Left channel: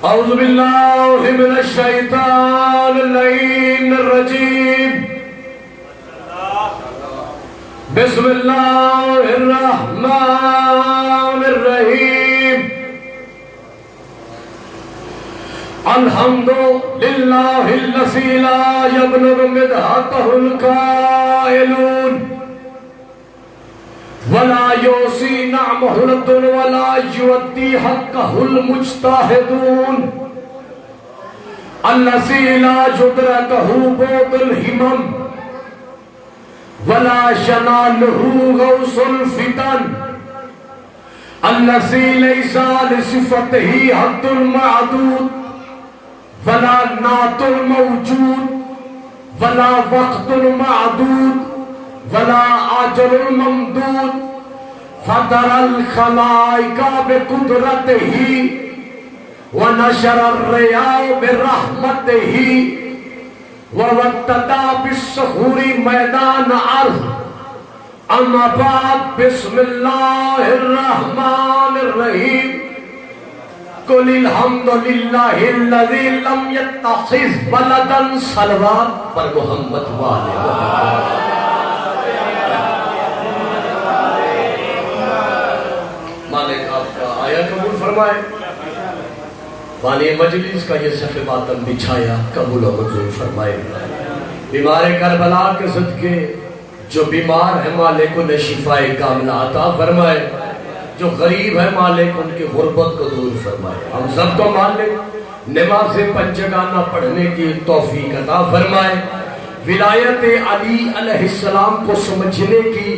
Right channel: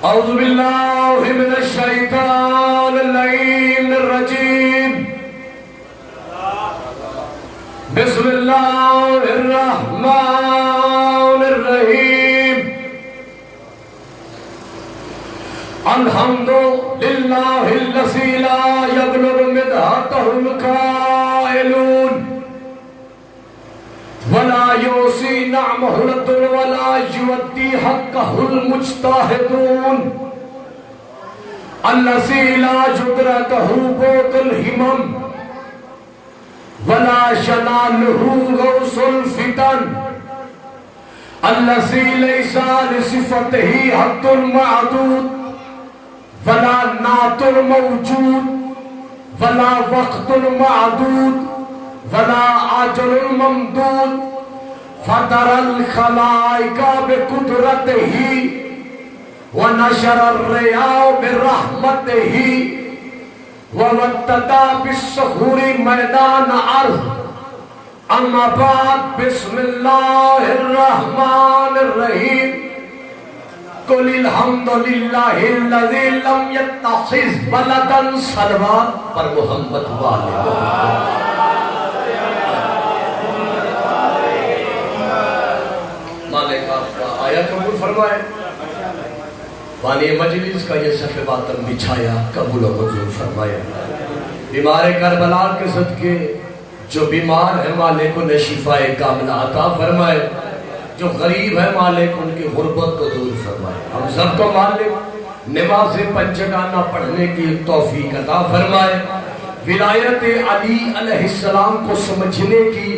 اعوذ باللہ من الشیطان اللعین الرجیم بسم اللہ الرحمن الرحیم الحمد للہ الذی لا یبلغ مدحتہ القائلون ولا یوسی نعمہ الدن ولا یؤدی حقہ المجتہدون الذی لا یدرکہ بعد الہمم ولا شنانہ غوث الفتن الذی لیس لصفتہ حد معدود ولا نعت موجود ولا وقت معدود ولا اجل ممدود فطر الخلائق بقدرته ونشر الرياح برحمته ووطد بالصخور میدان ارض اما بعد بسم اللہ الرحمن الرحیم قل الحمد للہ الذی لم یتخذ ولدا صلوات پر محمد والے مالک آپ کا آیا قبول فرمائے والی مجلس کا یہ صف ماتم بچھایا قبول و منظور فرمائے بیمار کربلا کے صدقے جو بیمار ہے مالک انہیں شفائے کاملہ عطا فرمائے جو غریب ہے مالک ان کی غربت کو دور فرمائے ہم سب کو مالک نماز پنجگانہ پڑھنے کی توفیق عطا فرمائے ولایت علی علیہ السلام کو سمجھنے کی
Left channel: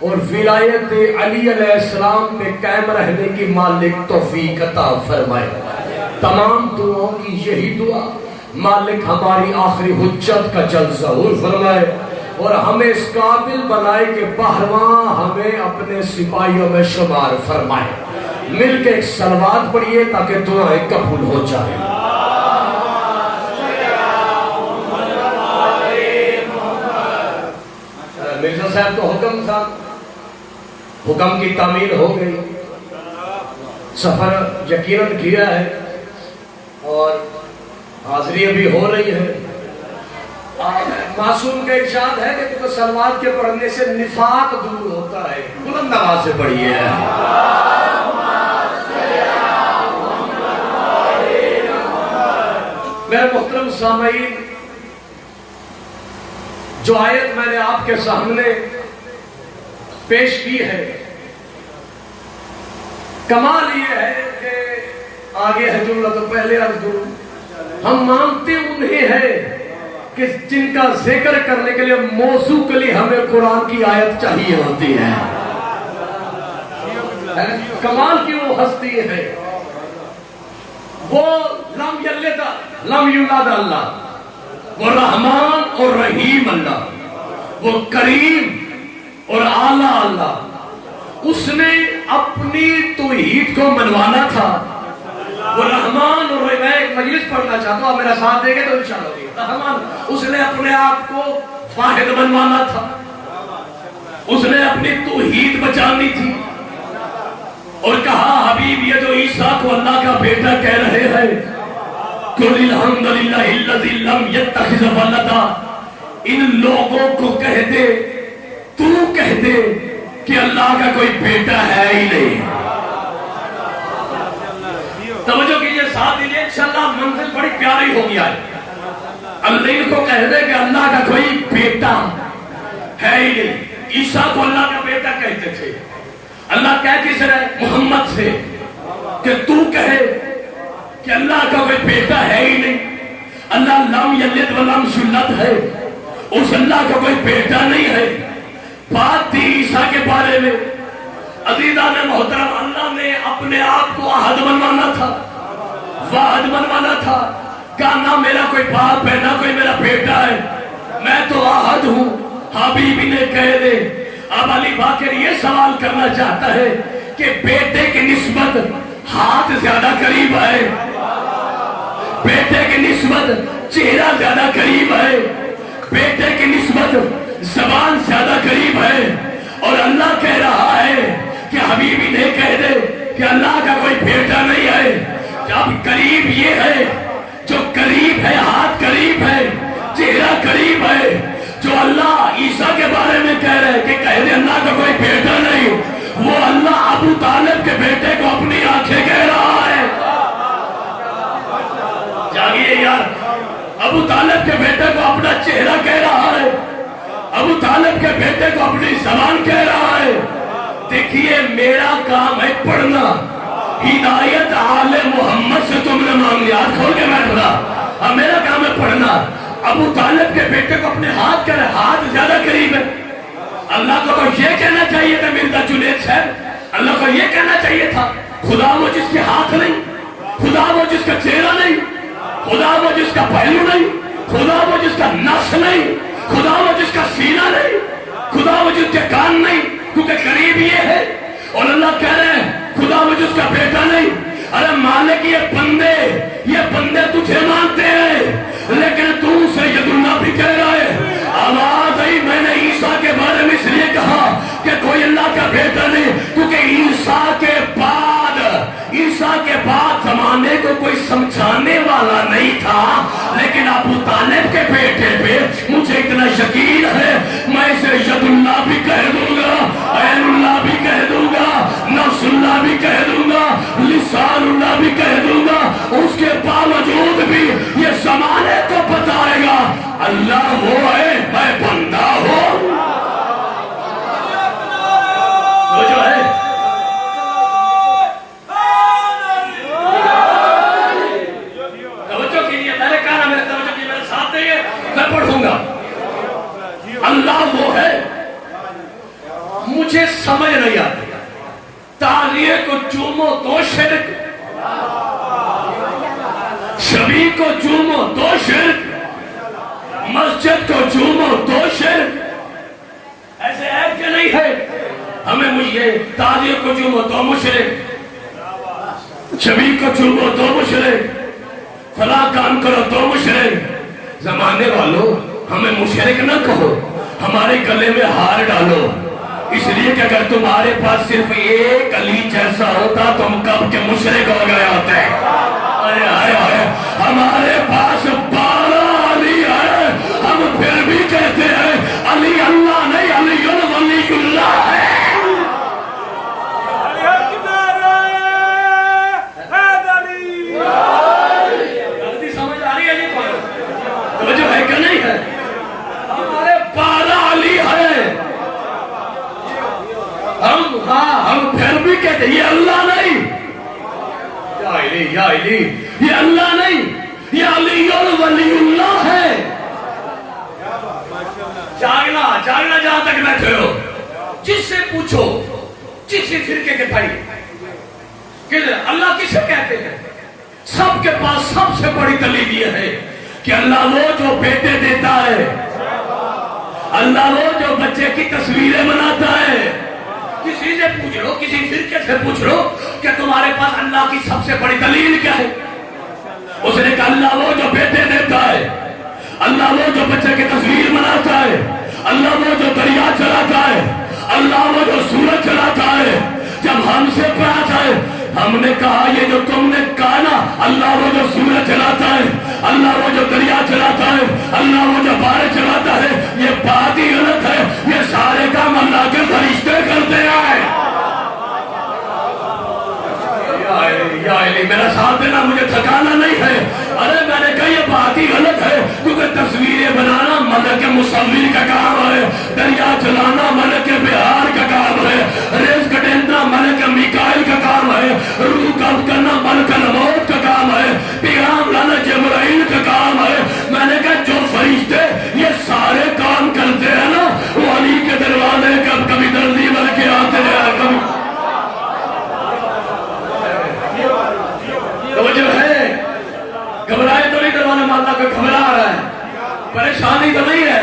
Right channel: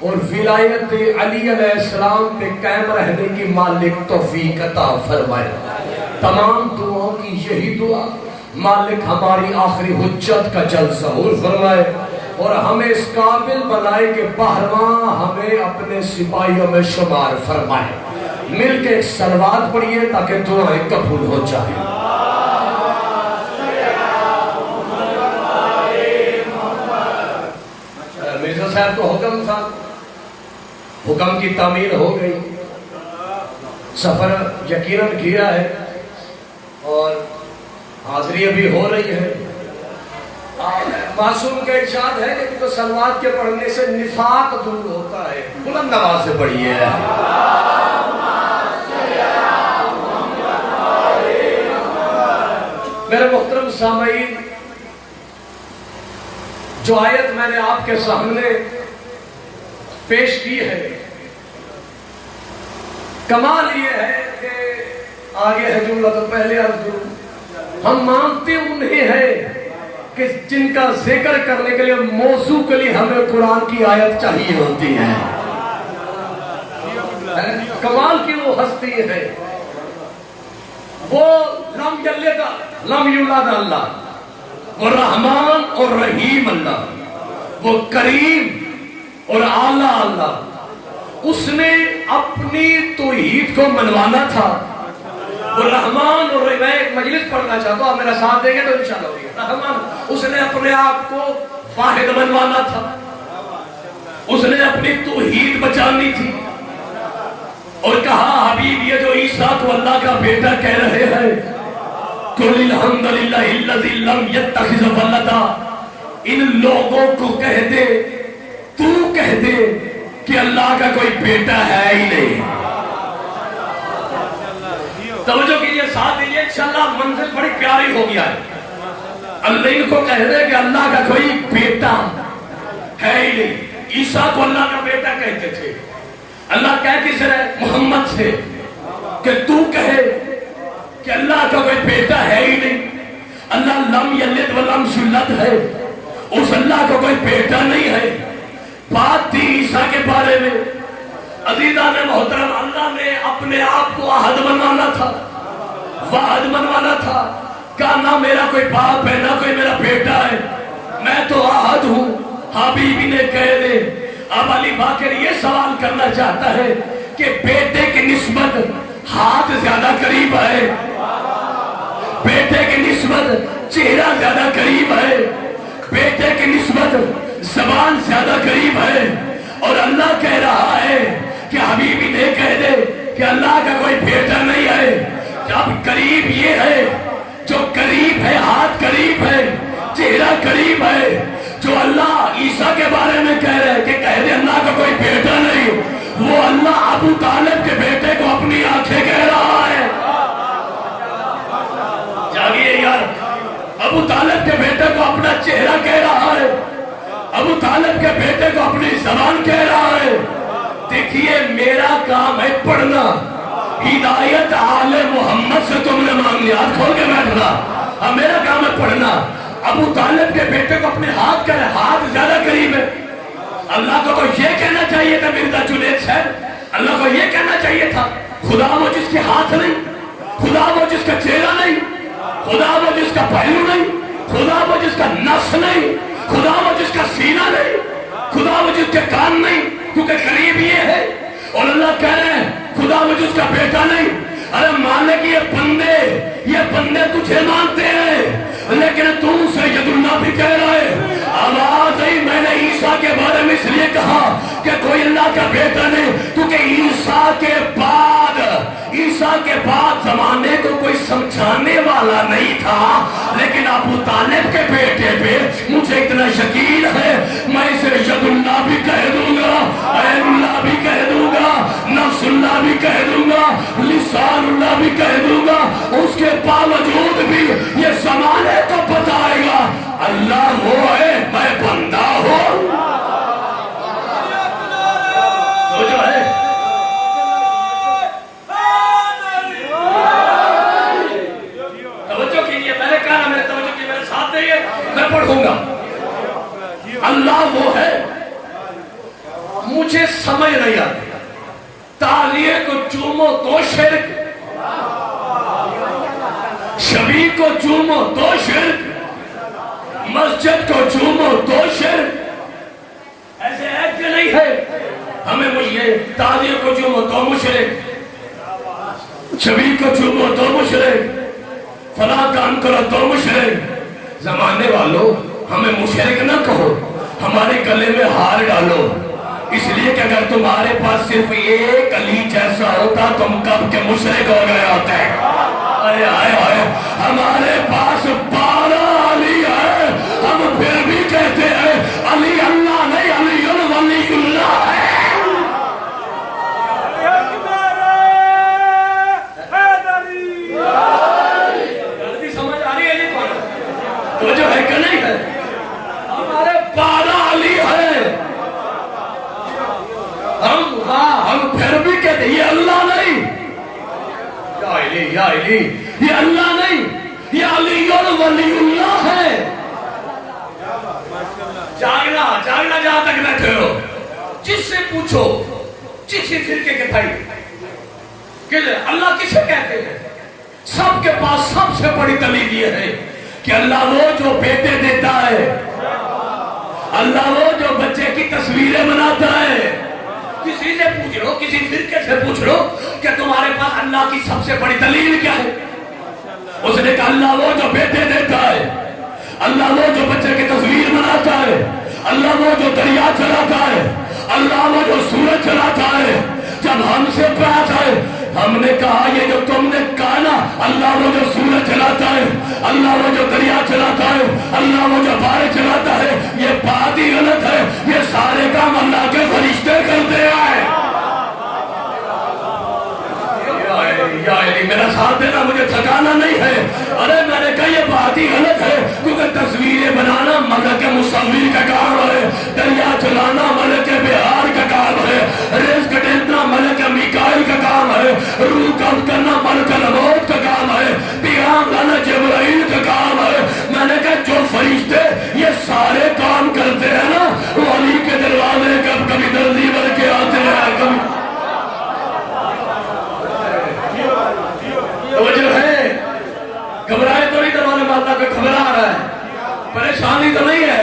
اور ولایت علی علیہ السلام پہ قائم رہنے کی مالک توفیق عطا فرمائے تمام دعاؤں کی یہی دعا مالک ہماری آخری حجت کا جل ظہور فرمائے اور ہمیں اس قابل بنائے کہ بہرواں ہمیں اپنے سپاہیوں میں شمار فرمائے مل کے ایک صلوات پڑھیے تاکہ دعائیں قبول ہو جائیں مرزا صاحب کو حکم تھا حکم کی تعمیل ہو گئی سفر یقیناً کیا ہے اور حاضری ابھی ہو رہی ہے معصوم کا ارشاد ہے کہ کیونکہ صلوات کے پڑھنے سے نفاق دور ہوتا ہے بلند آواز سے پڑھیے میرے محترم سامعین جو آیت میں نے آپ کے سامنے پیش کی ہے کمال یہ ہے کہ آگے ہے جملہ تو پہلے عرض کروں ہم مانتے انہیں ہیں کہ جن کا ذکر کرنے کے لیے موضوع کے لیے ہمیں قرآن کی آیت چاہیے ہوتی ہے کمال کی وہ ہستی ہے وہ لم یلد لم یولد اللہ وہ رحمان اور رحیم اللہ وہ کریم اور اعلیٰ اللہ اس نے اپنی توحید کو منوانا تھا وہ رحمان اور میں ایک مجلس پڑھنا چاہتا ہوں آپ میرا ساتھ دیں گے تو انشاءاللہ ہوگی رحمان اس نے اپنے آپ کو واحد منوانا تھا اس نے اپنی توحید بچانی تھی اور کہا حبیب یہ جو عیسیٰ کو اللہ کا بیٹا کہہ رہے ہیں قل الحمد للہ الذی لم یتخذ ولدا ان لوگوں کو کہہ دے تو کہہ دے کہ اللہ کا کوئی بیٹا ہے ہی نہیں توجہ کیجئے ساتھ دیجئے انشاءاللہ منزل بڑی پیاری ہو گیا ہے اللہ کو کہہ دے کہ اللہ کا کوئی بیٹا ہے ہی نہیں عیسیٰ کو اللہ کا بیٹا کہتے تھے اللہ کہہ کس رہے محمد سے کہ تو کہے کہ اللہ کا کوئی بیٹا ہے ہی نہیں اللہ لم یلد ولم یولد ہے اس اللہ کا کوئی بیٹا نہیں ہے بات تھی عیسیٰ کے بارے میں عزیزان محترم اللہ نے اپنے آپ کو احد منوانا تھا واحد منوانا تھا کہا نہ میرا کوئی باپ ہے نہ کوئی میرا بیٹا ہے میں تو احد ہوں حبیبی نے کہہ دے اب علی باقر یہ سوال کرنا چاہتا ہے کہ بیٹے کی نسبت ہاتھ زیادہ قریب ہے بیٹے کی نسبت چہرہ زیادہ قریب ہے بیٹے کی نسبت زبان زیادہ قریب ہے اور اللہ کہہ رہا ہے کہ حبیبی نے کہہ دے کہ اللہ کا کوئی بیٹا نہیں ہے اب قریب یہ ہے جو قریب ہے، ہاتھ قریب ہے، چہرہ قریب ہے، جو اللہ عیسیٰ کے بارے میں کہہ رہے ہیں کہ کہہ دے اللہ کا کوئی بیٹا نہیں، وہ اللہ ابو طالب کے بیٹے کو اپنی آنکھیں کہہ رہا ہے۔ جاگیے یار، ابو طالب کے بیٹے کو اپنا چہرہ کہہ رہا ہے، ابو طالب کے بیٹے کو اپنی زبان کہہ رہا ہے۔ دیکھیے میرا کام ہے پڑھنا، ہدایت آل محمد سے تم نے مانگ لیا، کھول کے بیٹھنا، اب میرا کام ہے پڑھنا۔ ابو طالب کے بیٹے کو اپنے ہاتھ کہہ رہا ہے، ہاتھ زیادہ قریب ہے۔ اللہ کو تو یہ کہنا چاہیے تھا مرزا جنید صاحب، اللہ کو یہ کہنا چاہیے تھا خدا وہ جس کے ہاتھ نہیں، خدا وہ جس کا چہرہ نہیں، خدا وہ جس کا پہلو نہیں، خدا وہ جس کا نفس نہیں، خدا وہ جس کا سینہ نہیں، خدا وہ جس کے کان نہیں، کیونکہ قریب یہ ہے۔ اور اللہ کہہ رہے ہیں خدا وہ جس کا بیٹا نہیں۔ ارے مالک یہ بندے تجھے مانتے ہیں، لیکن تم سید اللہ بھی کہہ رہے ہیں۔ آواز آئی، میں نے عیسیٰ کے بارے میں اس لیے کہا کہ کوئی اللہ کا بیٹا نہیں، کیونکہ عیسیٰ کے بعد زمانے کو کوئی سمجھانے والا نہیں تھا، لیکن ابو طالب کے بیٹے پہ مجھے اتنا یقین ہے، میں اسے ید اللہ بھی کہہ دوں گا، عین اللہ بھی کہہ دوں گا، نفس اللہ بھی کہہ دوں گا، لسان اللہ بھی کہہ دوں گا۔ اس کے باوجود بھی یہ زمانے کو بتائے گا اللہ وہ ہے، میں بندہ ہوں۔ وہ جو ہے میں پڑھوں گا، اللہ وہ ہے، مجھے سمجھ نہیں آتی، تالیے کو چومو تو شرک، شبی کو چومو تو شرک، مسجد کو چومو تو شرک، ایسے ہے کہ نہیں ہے؟ ہمیں مجھے تالیے کو چومو تو مشرک، شبی کو چومو تو مشرک، فلاں کام کرو تو مشرک۔ زمانے والوں ہمیں مشرک نہ کہو، ہمارے گلے میں ہار ڈالو، اس لیے کہ اگر تمہارے پاس صرف ایک علی جیسا ہوتا تم کب کے مشرک ہو گئے ہوتے۔ ہمارے پاس 12 علی ہے، ہم پھر بھی کہتے ہیں علی اللہ نہیں، علی ولی اللہ ہے۔ جو ہے کہ نہیں ہے؟ ہمارے 12 علی ہیں، ہم پھر بھی کہتے ہیں یہ اللہ نہیں، یا علی یہ اللہ نہیں، یہ علی ولی اللہ ہے۔ جاگنا جہاں تک بیٹھے ہو، جس سے پوچھو، جس فرقے کے بھائی کہ اللہ کسے کہتے ہیں، سب کے پاس سب سے بڑی دلیل یہ ہے کہ اللہ وہ جو بیٹے دیتا ہے، اللہ وہ جو بچے کی تصویریں بناتا ہے۔ کسی سے پوچھ لو، کسی فرقے سے پوچھ لو کہ تمہارے پاس اللہ کی سب سے بڑی دلیل کیا ہے، اس نے کہا اللہ وہ جو بیٹے دیتا ہے، اللہ وہ جو بچے کی تصویر بناتا ہے، اللہ وہ جو دریا چلاتا ہے، اللہ وہ جو سورج چلاتا ہے۔ جب ہم سے بات ہے ہم نے کہا یہ جو تم نے کہا نا، اللہ وہ جو سورج چلاتا ہے، اللہ وہ جو دریا چلاتا ہے، اللہ وہ جو بارش چلاتا ہے، یہ بات ہی غلط ہے، یہ سارے کام اللہ کے فرشتے کرتے ہیں۔ یا علی میرا ساتھ دینا، مجھے تھکانا نہیں ہے۔ ارے میں نے کہا یہ بات ہی غلط ہے، کیونکہ تصویریں بنانا ملک مصور کا کام ہے، دریا چلانا ملک بہار کا کام ہے، رزق دینا ملک میکائیل کا کام ہے، روح قبض کرنا ملک الموت کا کام ہے، پیغام لانا جبرائیل کا کام ہے۔ میں نے کہا جو فرشتے یہ سارے کام کرتے ہیں نا، وہ علی کے دروازے کبھی دردی بن کے آتے ہیں، کبھی جو ہے گھبرائے تو نہیں، دروازے ماتا کا گھبرا رہا ہے، پریشانی تو نہیں ہے،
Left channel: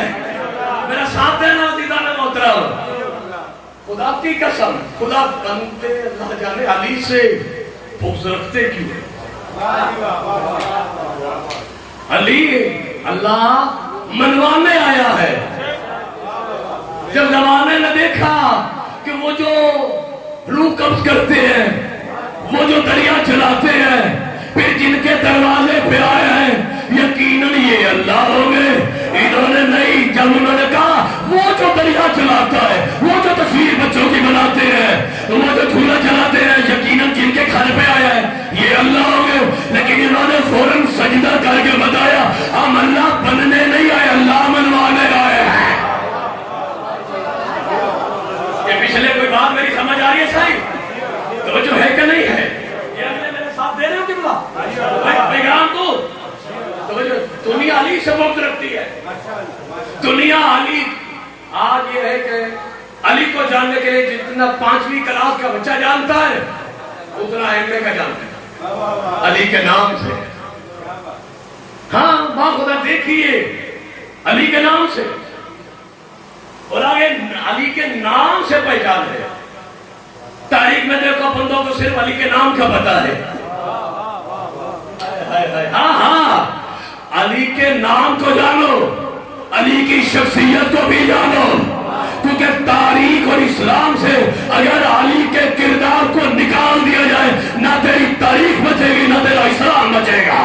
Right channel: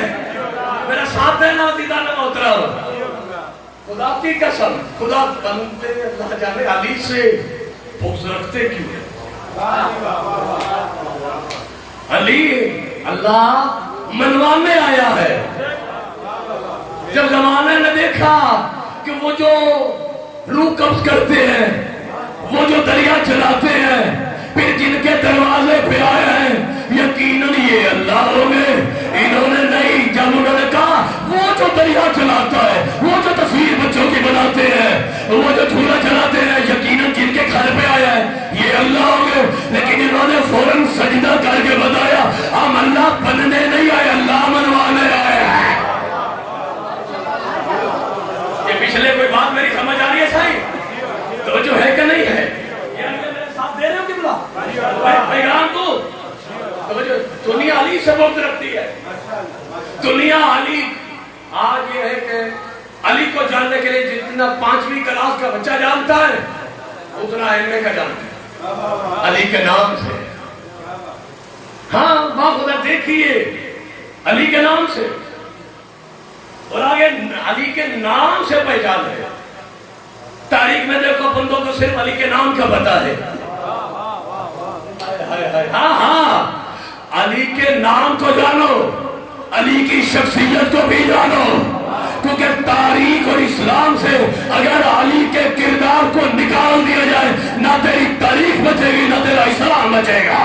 میرا ساتھ دینا دیدار محترم۔ خدا کی قسم، خدا بندے اللہ جانے علی سے بغض رکھتے کیوں ہے؟ علی اللہ منوانے آیا ہے۔ جب زمانے نے دیکھا کہ وہ جو روح قبض کرتے ہیں، وہ جو دریا چلاتے ہیں، پھر جن جاؤ گے، لیکن انہوں نے فوراً سجدہ کر کے بتایا ہم اللہ بننے نہیں آئے، اللہ منوانے آئے ہیں۔ یہ پچھلے کوئی بات میری سمجھ آ رہی ہے صحیح؟ تو جو ہے کہ نہیں ہے؟ میرے ساتھ دے رہے ہو کتنا پیغام کو؟ دنیا علی سے بغض رکھتی ہے، دنیا علی۔ آج یہ ہے کہ علی کو جاننے کے لیے جتنا 5ویں کلاس کا بچہ جانتا ہے اتنا ایم کا جانتا ہے علی کے نام سے۔ ہاں خدا دیکھیے علی کے نام سے، اور آگے علی کے نام سے پہچان ہے۔ تاریخ میں دیکھو بندوں کو صرف علی کے نام کا پتا ہے۔ ہاں علی کے نام کو جانو، علی کی شخصیت کو بھی جانو، کیونکہ تاریخ اور اسلام سے اگر علی کے کردار کو نکال دیا جائے نہ تیری تاریخ بچے گی نہ تیرا اسلام بچے گا۔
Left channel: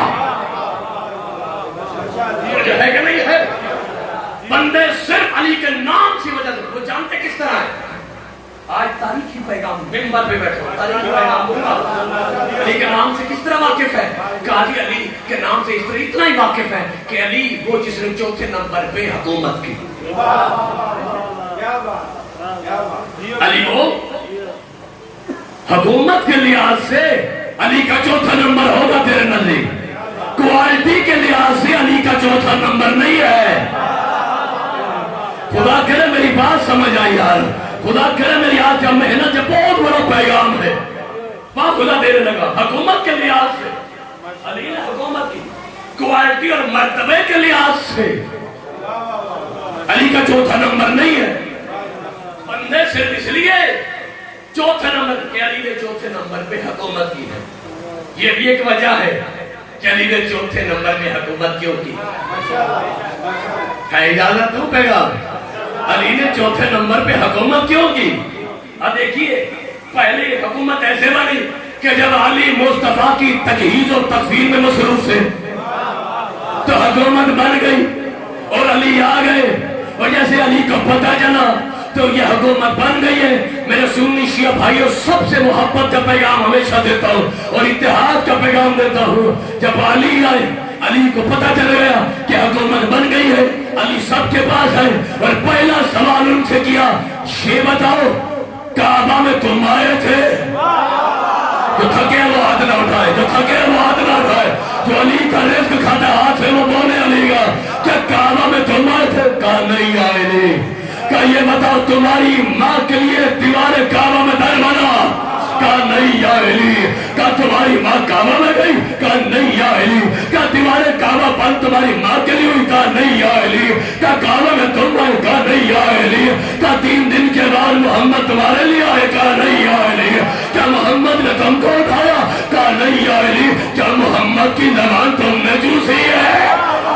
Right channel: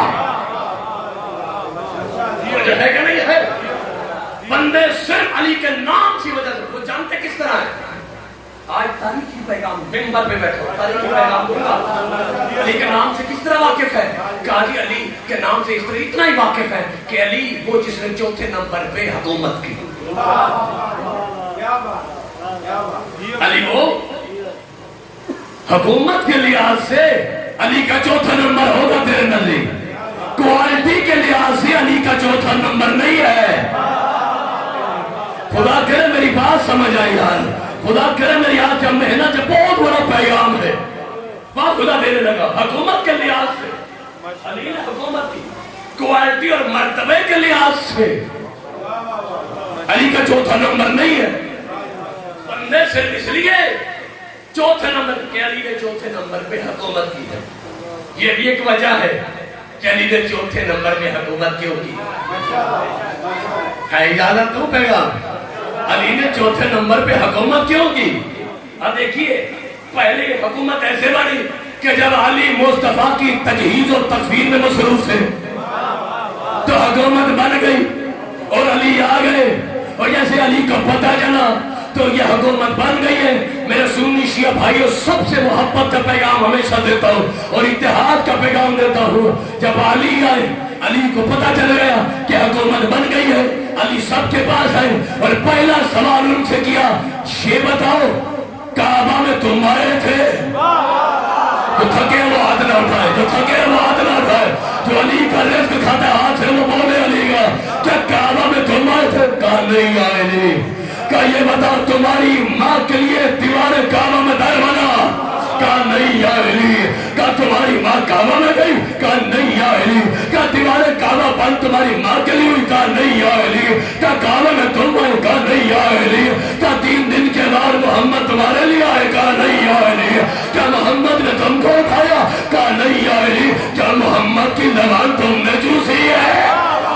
جو ہے کہ نہیں ہے؟ بندے صرف علی کے نام کی وجہ سے وہ جانتے کس طرح ہے۔ آج تاریخی پیغام ممبر پہ بیٹھو، تاریخی پیغام دونوں علی کے نام سے کس طرح واقف ہے؟ قاضی علی کے نام سے اس طرح اتنا ہی واقف ہے کہ علی وہ جس نے 4تھے نمبر پہ حکومت کی۔ علی وہ حکومت کے لحاظ سے علی کا 4تھا نمبر ہوگا تیرے نزدیک، کوالٹی کے لحاظ سے علی کا 4تھا نمبر نہیں ہے۔ خدا کرے میری بات سمجھ آئی یار، خدا کرے میری آج کا محنت بہت بڑا پیغام ہے۔ بات خدا دینے لگا حکومت کے لحاظ سے علی نے حکومت کی، کوالٹی اور مرتبے کے لحاظ سے علی کا 4تھا نمبر نہیں ہے۔ بندے صرف اس لیے 4تھے نمبر کہ علی نے 4تھے نمبر پہ حکومت کی ہے، یہ بھی ایک وجہ ہے کہ علی نے 4تھے نمبر پہ حکومت کیوں کی ہے۔ اجازت دوں پیغام، علی نے 4تھے نمبر پہ حکومت کیوں کی؟ اب دیکھیے پہلی حکومت ایسے بنی کہ جب علی مصطفیٰ کی تجہیز اور تصویر میں مصروف تھے تو حکومت بن گئی اور علی آ گئے، اور جیسے علی کو پتہ چلا تو یہ حکومت بن گئی ہے۔ میرے سنی شیعہ بھائیوں سب سے محبت کا پیغام ہمیشہ دیتا ہوں اور اتحاد کا پیغام دیتا ہوں۔ جب علی آئے علی کو پتہ چل گیا کہ حکومت بن گئی ہے، علی سب کے پاس ہے اور پہلا سوال ان سے کیا، یہ بتاؤ کعبہ میں تم آئے تھے؟ جو تھکے وہ ہاتھ نہ اٹھائے، جو تھکے وہ ہاتھ نہ اٹھائے، جو علی کا رزق کھاتا ہاتھ سے وہ بولے علی کا کیا کعبہ میں تم آئے تھے؟ کہا نہیں آئے نہیں۔ کہا یہ بتاؤ تمہاری ماں کے لیے دیوار کعبہ میں در بنا؟ کہا نہیں یا علی۔ کہا تمہاری ماں کعبہ میں گئی؟ کہا نہیں یا علی۔ کہا دیوار کعبہ بند تمہاری ماں کے لیے ہوئی؟ کہا نہیں یا علی۔ کہا کعبہ میں تم آئے؟ کہا نہیں یا علی۔ کہا 3 دن کے بعد محمد تمہارے لیے آئے؟ کہا نہیں یا علی۔ کیا محمد نے تم کو اٹھایا؟ کہا نہیں یا علی۔ کیا محمد کی زبان تم نے چوسی ہے؟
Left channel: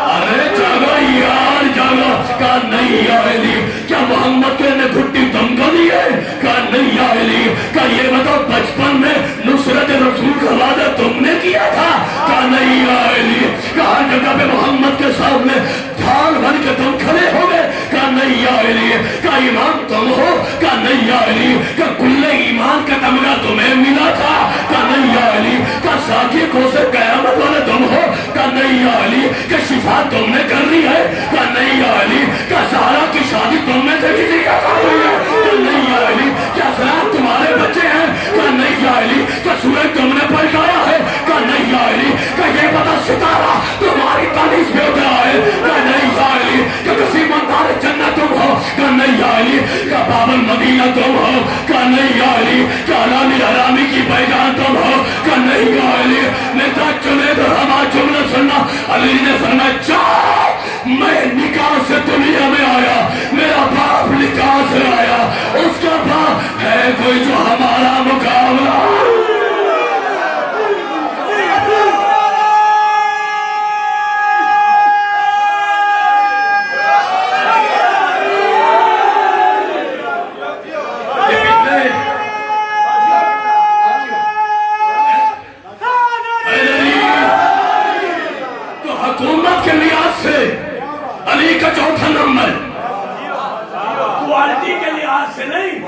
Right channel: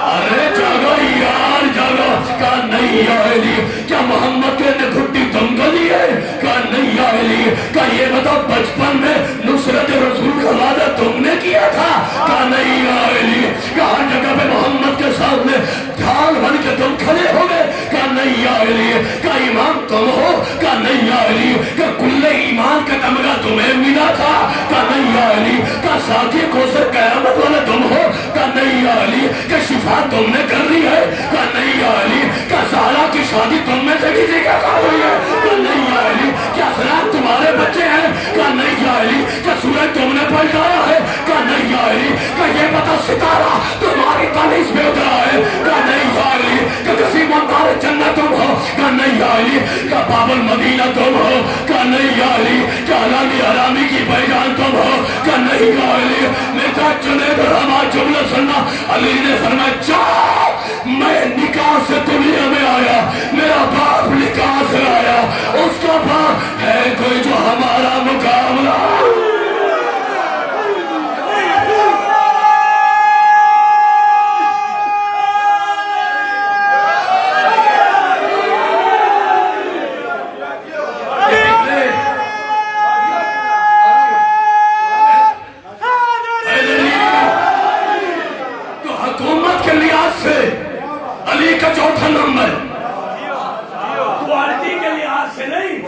ارے جاگو یار جاگو۔ کہا نہیں یا علی۔ کیا محمد کے نے گھٹی تم کو دی ہے؟ کہا نہیں یا علی۔ کہا یہ بتاؤ بچپن میں نصرت رسول کا وعدہ تم نے کیا تھا؟ کہا نہیں یا علی۔ کہا ہر جگہ پہ محمد کے سامنے ڈھال بن کے تم کھڑے ہو گئے؟ کہا نہیں یا علی۔ کہا ایمان تم ہو؟ کہا نہیں یا علی۔ کہا کل ایمان کا تمغہ تمہیں ملا تھا؟ کہا نہیں یا علی۔ کہا ساتھی کو سے قیامت والے تم ہو؟ کہا نہیں یا علی۔ کہ شفا تم نے کر لی ہے؟ کہا نہیں یا علی۔ کہا سارا کی شادی تم میں سے کسی کا کر رہی ہے؟ کہا نہیں یا علی۔ کیا اسلام تمہارے بچے ہیں؟ کہا نہیں یا علی۔ کیا سورج تم نے پلٹایا ہے؟ کہا نہیں یا علی۔ کہا یہ بتا ستارہ تمہاری تاریخ میں اترا ہے؟ کہا نہیں یا علی۔ کہ کسی مندار جنت تم ہو؟ کہا نہیں یا علی۔ کیا باب المدینہ تم ہو؟ کہا نہیں یا علی۔ کیا علامی حرامی کی بیجان تم ہو؟ کہا نہیں یا علی۔ نیتا چنے تو ہمارا جملہ سننا، علی نے فرمایا جاؤ میں نکاح سے دنیا میں آیا، میرا باپ نکاح سے آیا، اس کا باپ ہے کوئی جو ہمارا مقابلہ؟ تو حکومت کے لحاظ سے علی کا 4تھا نمبر، کوالٹی کے لحاظ سے نہیں،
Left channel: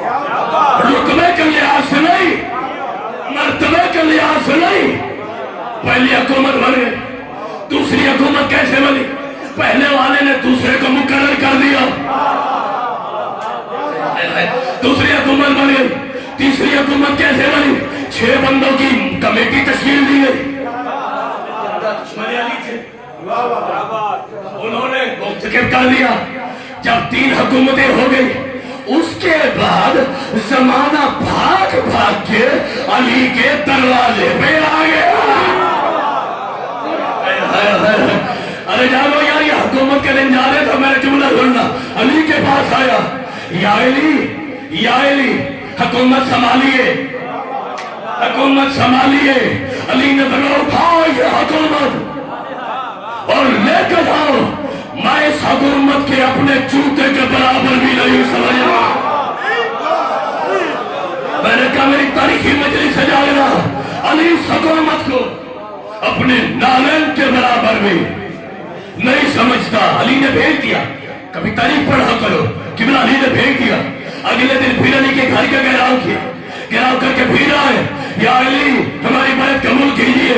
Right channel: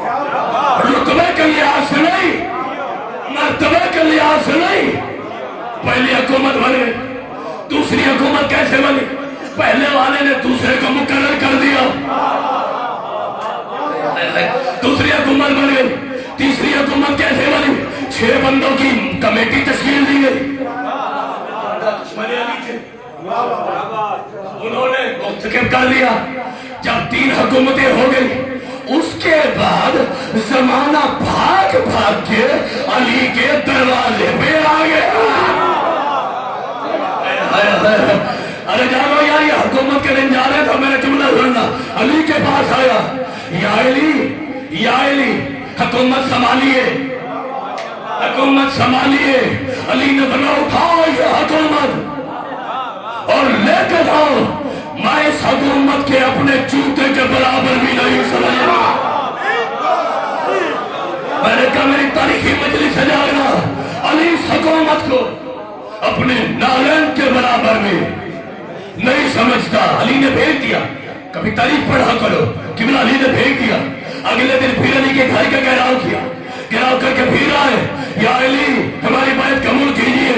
رتبے کے لحاظ سے نہیں، مرتبے کے لحاظ سے نہیں، پہلی حکومت بن گئی، دوسری حکومت کیسے بنی؟ پہلے والے نے دوسرے کو مقرر کر دیا، دوسری حکومت بن گئی، تیسری حکومت کیسے بنی؟ 6 بندوں کی کمیٹی تشکیل دی گئی، انہوں نے مختلف کر دیا۔ جب 3 حکومتیں ہو گئی، اس کے بعد زمانہ بھاگ بھاگ کے علی کے دروازے پہ آ گیا۔ ارے جانو یار، یہ حکومت کے دن جانے تو میں نے جملہ سننا، علی کے پاس آیا، یا علی حکومت سنبھالیے، حکومت سنبھالیے۔ علی نے بنا اٹھاؤ یہ حکومت اور لے کے جاؤ، میں اس حکومت کے اپنے جوتے کے برابر بھی نہیں سمجھا۔ میں نے کہا میری تاریخی مجلس سے جانا، علی اس حکومت کو اپنے نالین کے برابر بھی نہیں سمجھتا۔ علی نے بھیج دیا، کبھی تاریخ پڑھا کرو، قبلہ علی نے بھیج دیا۔ اگلے دن پھر علی کے گھر کا گھیراؤ کیا، گھیراؤ کر کے پھر آئے، یا علی ہماری بات قبول کیجیے۔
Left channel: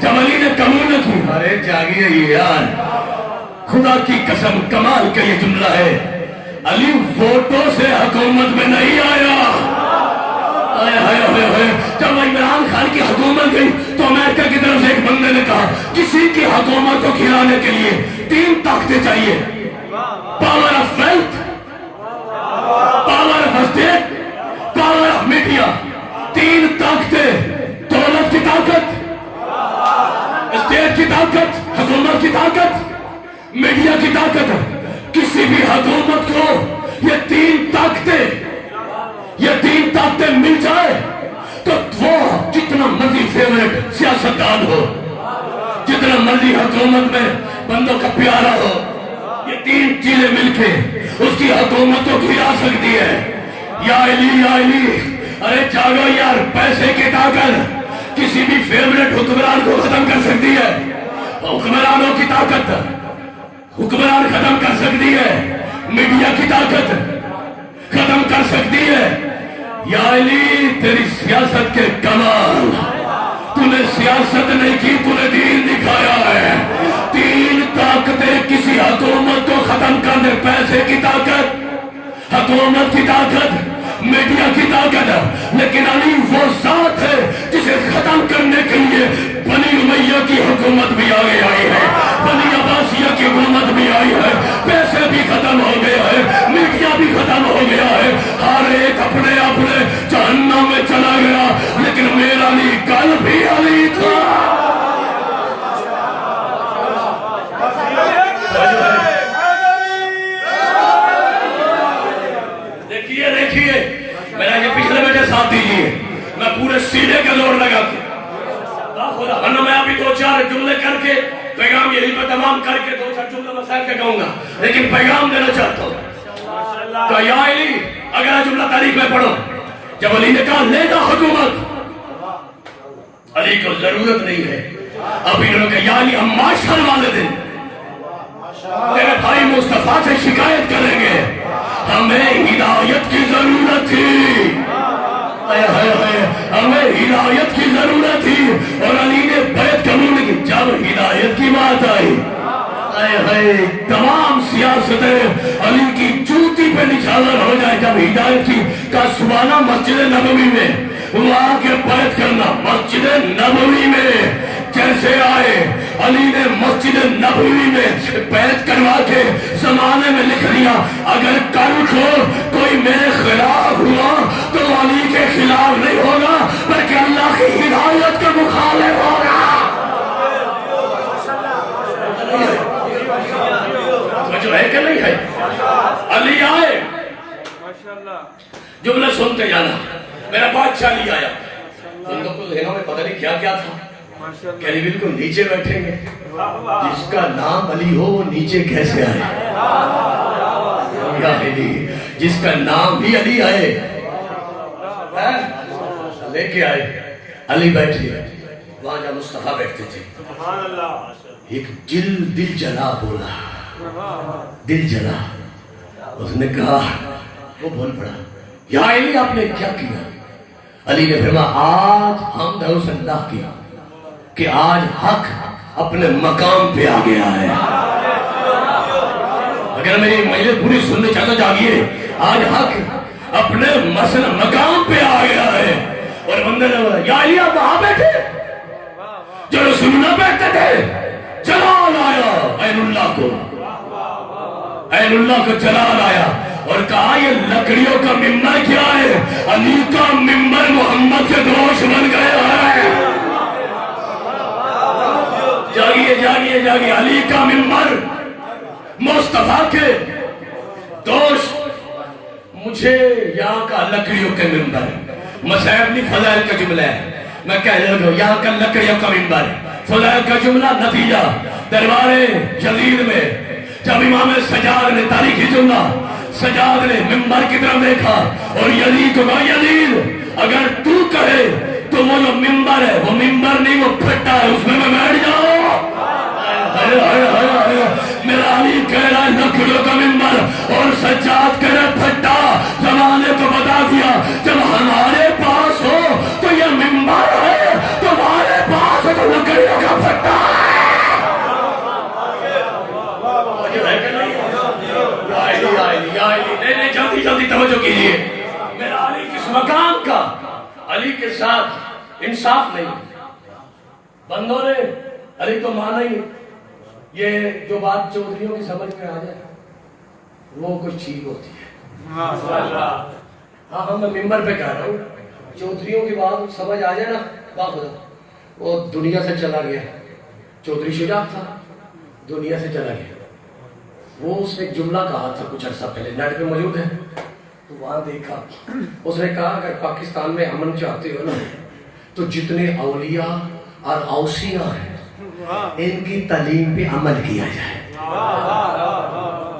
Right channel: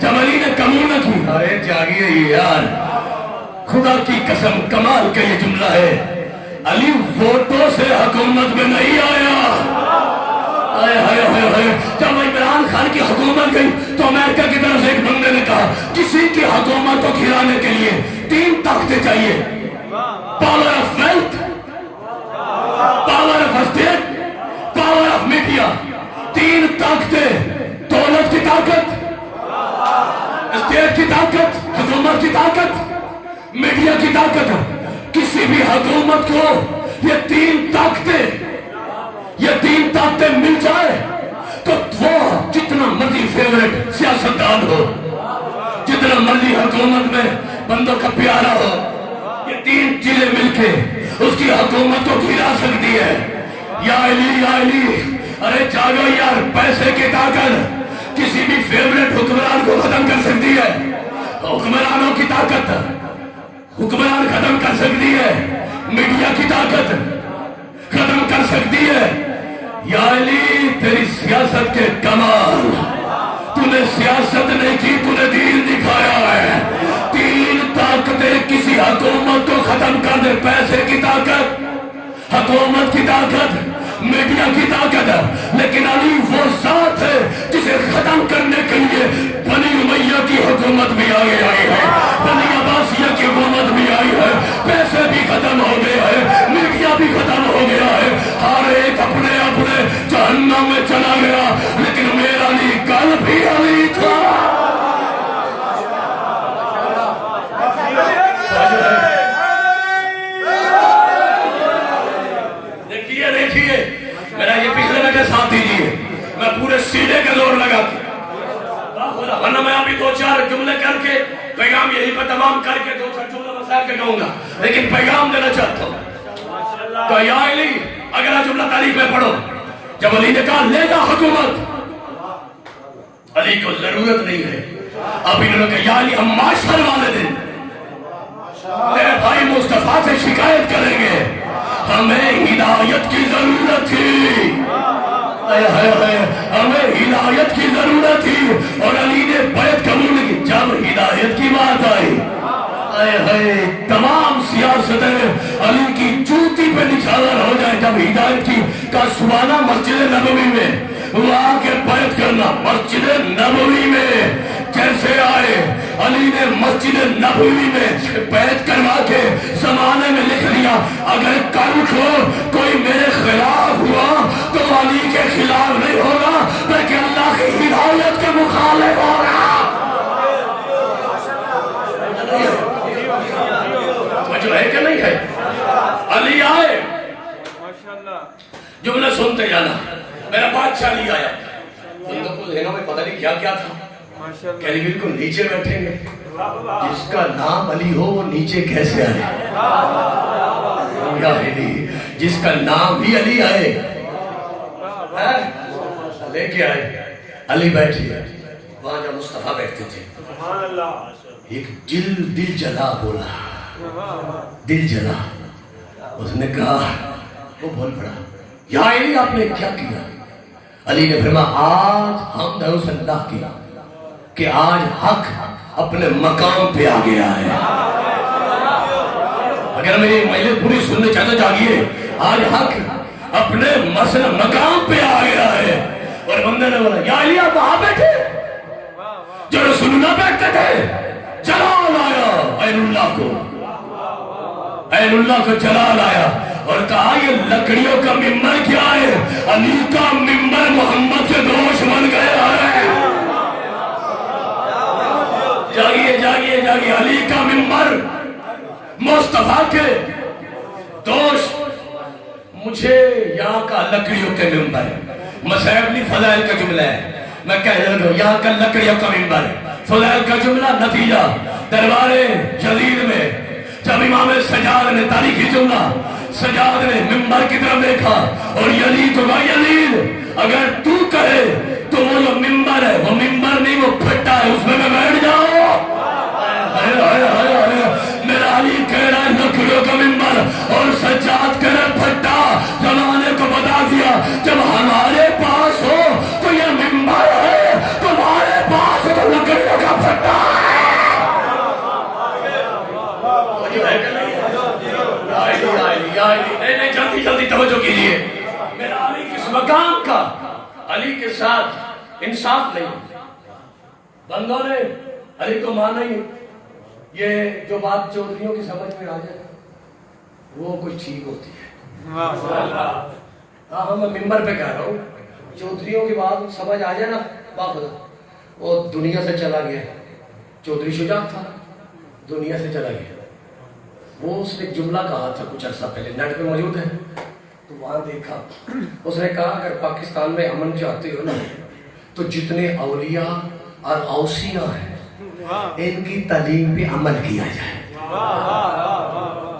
جب علی نے قبول نہ کی، ارے جاگیے یار، خدا کی قسم کمال کا یہ جملہ ہے، علی ووٹوں سے حکومت میں نہیں آیا۔ جب عمران خان کی حکومت گئی تو امریکہ کی طرف سے ایک بندے نے کہا کسی کی حکومت کو کھلانے کے لیے 3 طاقتیں چاہیے، power of wealth, power of state, power of media. 3 طاقتیں، دولت کی طاقت، اسٹیٹ کی طاقت، حکومت کی طاقت، میڈیا کی طاقت۔ کسی بھی حکومت کو یہ 3 طاقتیں مل جائے تو وہ جتنا مرضی فیوریٹ سیاستدان ہو، جتنا مرضی حکومت میں بندوں کا پیارا ہو، یہ 3 چیزیں مل کے اس کی حکومت کو گرا سکتی ہے۔ یا علی، ارے جاگو یار، پیسے کی طاقت کسی بھی فیوریٹ حکمران کو ختم کر سکتی ہے، حکمرانوں کی طاقت حکمران ختم کر سکتی ہے، میڈیا کی طاقت ختم کر سکتی ہے۔ یا علی تیری سیاست کے کمال، تو نے سیاست نہیں کی، تو نے دین دکھایا ہے۔ 3 طاقتیں کسی حکومت کو ختم کر دے، پیسے کی طاقت، حکومت کی طاقت، میڈیا کی طاقت۔ لیکن علی وہ ذات ہے جسے ختم کرنے کے لیے بنی امیہ کی حکومت بھی آگے آئی ہے، بنی عباسیہ کی حکومت بھی آئی ہے، پیسے بھی ختم ہو گئے ہیں، میڈیا بھی ختم ہو گیا ہے، ہر ایک اپنے اپنے جہنم میں چلا گیا، لیکن میرا علی کل بھی علی تھا۔ دیکھیے میرا یہ پچھلے بجے ساتھ دیجیے، میں پورے سینے کا زور لگا کے ورنہ میں ابھی 2-4 جملے کر کے پیغام یہی پہ تمام کر کے 2-4 جملے مسائل کے کہوں گا، لیکن پیغام دینا چاہتا ہوں۔ تو یا علی، اگلا جملہ تاریخ میں پڑھو، جب علی نے کہا لے جا حکومت، علی کو ضرورت نہیں ہے، اب انہوں نے کہا یا علی ہم معاشر والے دن تیرے بھائی مصطفیٰ سے شکایت کریں گے، ہمیں ہدایت کی ضرورت تھی، ہمیں ہدایت کی ضرورت تھی، اور علی نے بیعت قبول کی۔ جب ہدایت کی بات آئی، تمام سیاستیں علی کی جوتی پہ نشانہ ہو جائے۔ جب ہدایت کی کا سبحانہ مسجد نبوی میں وہاں کے بیعت کرنا، مسجد نبوی میں جیسے آئے، علی نے مسجد نبوی میں بیعت کروا کے زمانے میں لکھ لیا اگر کل کو کوئی میرے خلاف ہوا تو علی کے خلاف نہیں ہوگا بلکہ اللہ کی ہدایت کے مخالف ہوگا۔ جو ہے کہ نہیں ہے؟ علی آئے، جملہ سنتے جانا، میرا بادشاہ علی آیا، ان کو ذہنوں میں پتہ نہیں کیا کیا تھا کہ علی بالکل نیچے بیٹھیں گے، جس کا نام علی ہو وہ نیچے کیسے آئے؟ جس کا نام بھی علی آئے لے کے آئے، علی بیٹھے، وہاں جب مصطفیٰ بیٹھتے تھے، ایک دل جلا بولا، دل جلا، اس نے کہا، وہ بول پڑا، یا علی آپ نے کیا کیا؟ علی نے فرمایا آج ہم نے اس اللہ کی کہ آج حق اپنے مقام پہ آ گیا ہے. اگر میری مجلس پوری سننے چاہتے جاگیے, آج حق اپنے مسئلہ مقام پہ آ گیا ہے. اور بندے نے بولا یا علی آپ وہاں بیٹھے جو رسول اللہ بیٹھتے تھے, جلال آیا عین اللہ کو, عین اللہ کو جلال آیا اور کہا یہ لکڑیوں کا ممبر کیا ہے؟ علی کا ممبر محمد کے دوش بن گیا ہے. جاگیے جاگیے جاگیے, علی کا ممبر مصطفیٰ کے دوست. مجھے یہاں کا لکڑیوں کے ممبر, مسائل فضائل کا جملہ ہے, میں کہہ رہا ہوں یہاں کا لکڑیوں کا ممبر, فضائل کا جملہ. نتیجہ دربار یزید میں جب امام سجاد نے, تاریخی جملہ, سجاد نے ممبر کی طرف دیکھا اور یزید کو کہا یزید اگر تو کرے تو وہ جو ممبر ہے وہ ممبر نہیں, وہ پھٹا ہے, اس میں بیٹھ جاؤ. میرا علی کہہ رہا ہے لکڑیوں کا ممبر اور سجاد کہہ رہا پھٹا. زمانے کو بتا دیا جب ہمارے پاس ہو تو یہ ممبر ہے, تمہارے پاس ہو تو لکڑیوں کا پھٹا ہے. جلدی جلدی توجہ کیجیے. میرا علی کس مقام کا, علی کے ساتھ انصاف نہیں. بندوں نے علی کو مانا ہی. یہ جو بات چودھریوں کی سمجھ میں آ جائے وہ کچھ ٹھیک ہوتی ہے. ہاں میں ممبر پہ کہہ رہا ہوں, چودھریوں کی بات سمجھ آ جائے نا, باخدا وہ دنیا سے چلا گیا. چودھری شجاع تھا, دنیا سے چلا گیا. وہ اس نے جملہ کہا تھا کچھ عرصہ پہلے, نیٹ پہ موجود ہے تو وہاں دیکھا. اس نے کہا اگر پاکستان میں امن چاہتے ہو نا تو جتنے اولیاء اور اوصیاء ہیں ان کی تعلیم پہ عمل کیا جائے.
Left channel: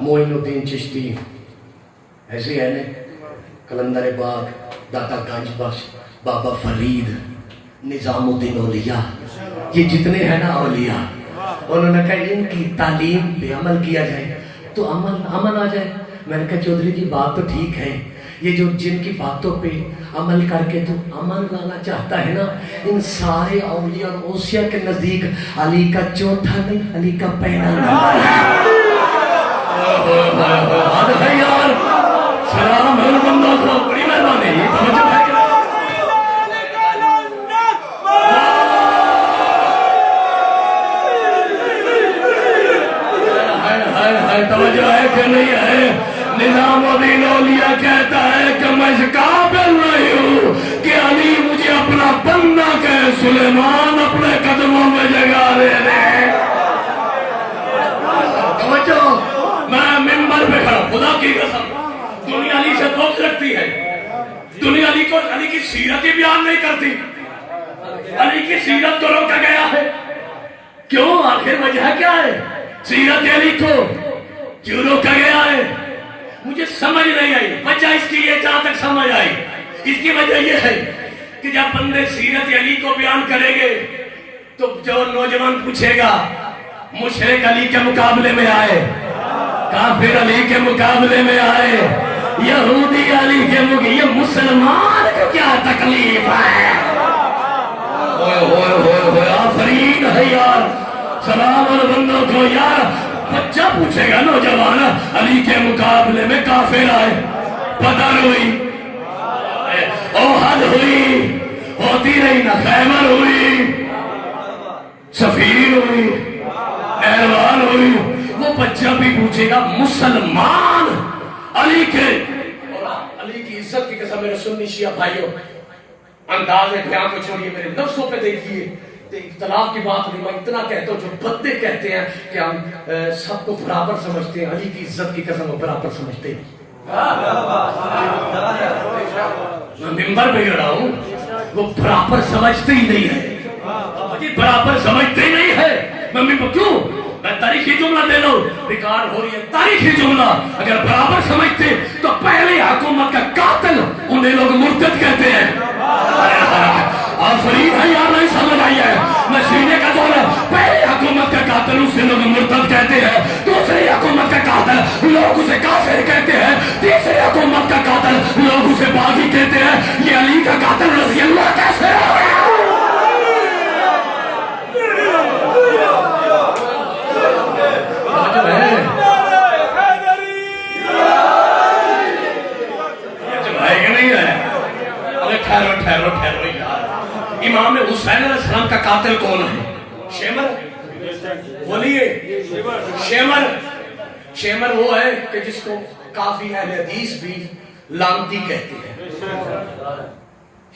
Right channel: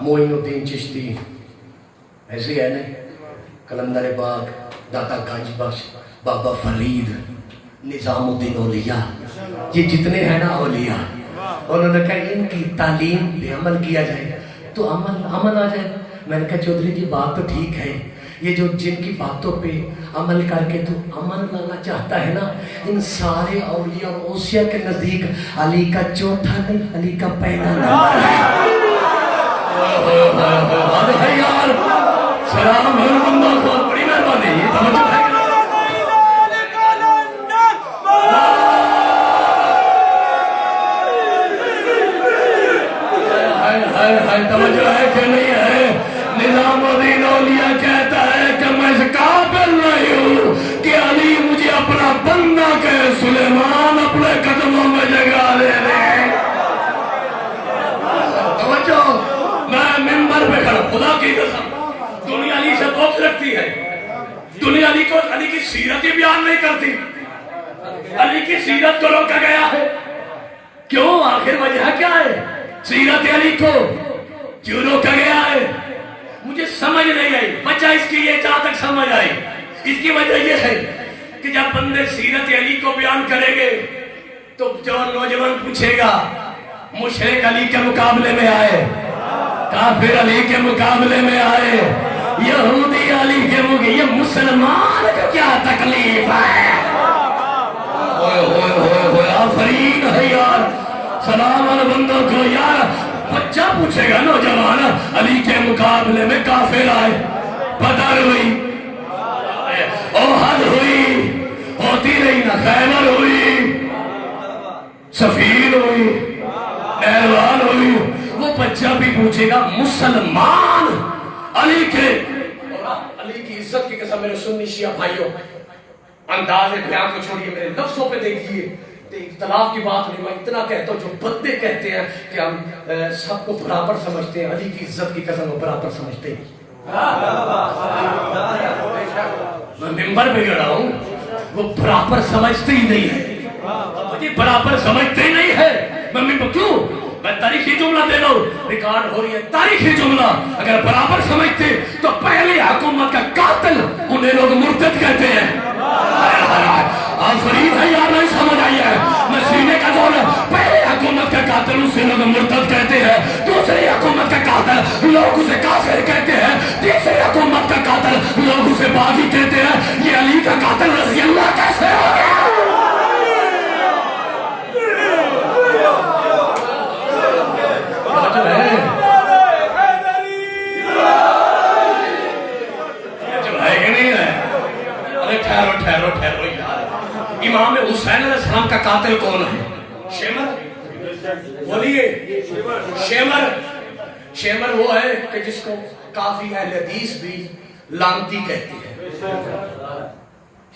معین الدین چشتی ایسے ہے نا, کلندر باغ, داتا گنج بخش, بابا فرید, نظام الدین اولیاء, یہ جتنے ہیں نا اولیاء, انہوں نے کہا ان کی تعلیم پہ عمل کیا جائے تو امن آ جائے. میں نے کہا چودھری جی بات تو ٹھیک ہے, یہ جو جن کی باتوں پہ عمل کر کے تو امن لانا چاہتا ہے نا, ان سارے اولیاء اور اوصیاء کے نزدیک علی کا چوتھا نہیں, علی کا پہلا نمبر ہے. یار سلام ہے بندہ کو, بڑی مہربانی, یہ توجہ ہے. توجہ ہے کہ نہیں ہے؟ نظام الدین اولیاء کہتا ہے کہ میں اس قابل نہیں ہوں کہ علی مجھے اپنا بندہ کہے, سلیمان اپنے قدموں میں جگہ دے دے. توجہ, میں ممبر پہ کھڑا, خدا کی قسم دنیا علی سے بغض رکھتی ہے. دنیا علی کو, علی کی سیرت ہی بیان نہیں کرتی. علی کی سیرت کو روکا گیا ہے. کیوں؟ آخر وجہ کیا ہے؟ سیرت علی کو کیوں روکا گیا ہے؟ مجھے سمجھ نہیں آئی. وجہ اس کی یہ جہاں تک سمجھ آئی, اس کی وجہ یہ ہے کہ جب بندے سیرت علی کو بیان کریں گے تو جو نوجوان پوچھے گا مشرک علی کے مقابلے میں آئے, کافر علی کے مقابلے میں آئے, یہودی علی کے مقابلے, یہ مسلمان کو کیا تکلیف ہے؟ آفرین ہے یار, سلام اور بندوں کو. یار بچہ پوچھے گا نوجوان علی کے مقابلے میں کافر آئے, بدر ہوئی, احد ہوئی, ہوتی نہیں نا, خیبر ہوئی, صفین ہوئی, احران ہوئی, وہ بچہ بھی پوچھے گا مسلمان علی کے. علی کی عزت کی قسم میرے سنی شیعہ بھائیوں, انداز بیان کو چھوڑیے, میرے لفظوں پہ دیکھیے. اختلاف کی بات نہیں, میں اتنا کہتا ہوں جو بندے کہتے ہیں کہ ہم سب کو برابر سمجھتے ہیں, علی کی عزت کی قسم وہ برابر سمجھتے نہیں. میں ممبر پہ کہہ رہا ہوں وہ برابر سمجھتے ہی نہیں ہے, برابر سمجھتے ہی نہیں ہے. میں کیوں؟ میں تاریخی جملہ دے رہا ہوں, ریکارڈ ہو رہی ہے تاریخی جملہ. اگر برابر سمجھتے تو پہلے حکومت کا قاتل انہیں لوگ مرتد کہتے ہیں. آفرین ہے یار, نہیں سمجھ آئی ہے, میں سینے کا جو ہے پہلے حکومت کا قاتل اسے لوگ مرتد کہتے ہیں, دوسری حکومت کا قاتل لوگ اسے کافر کہتے ہیں, تیسری حکومت کا قاتل لوگ اسے باغی کہتے ہیں. یہ علی کا قاتل رضی اللہ کیسے ہو گیا؟ قاتل کون ہے؟ شیمر بولیے شیمر شیمر وہ ہے کہ جس کو کافی اہل حدیث بھی لانتی کہتے ہیں.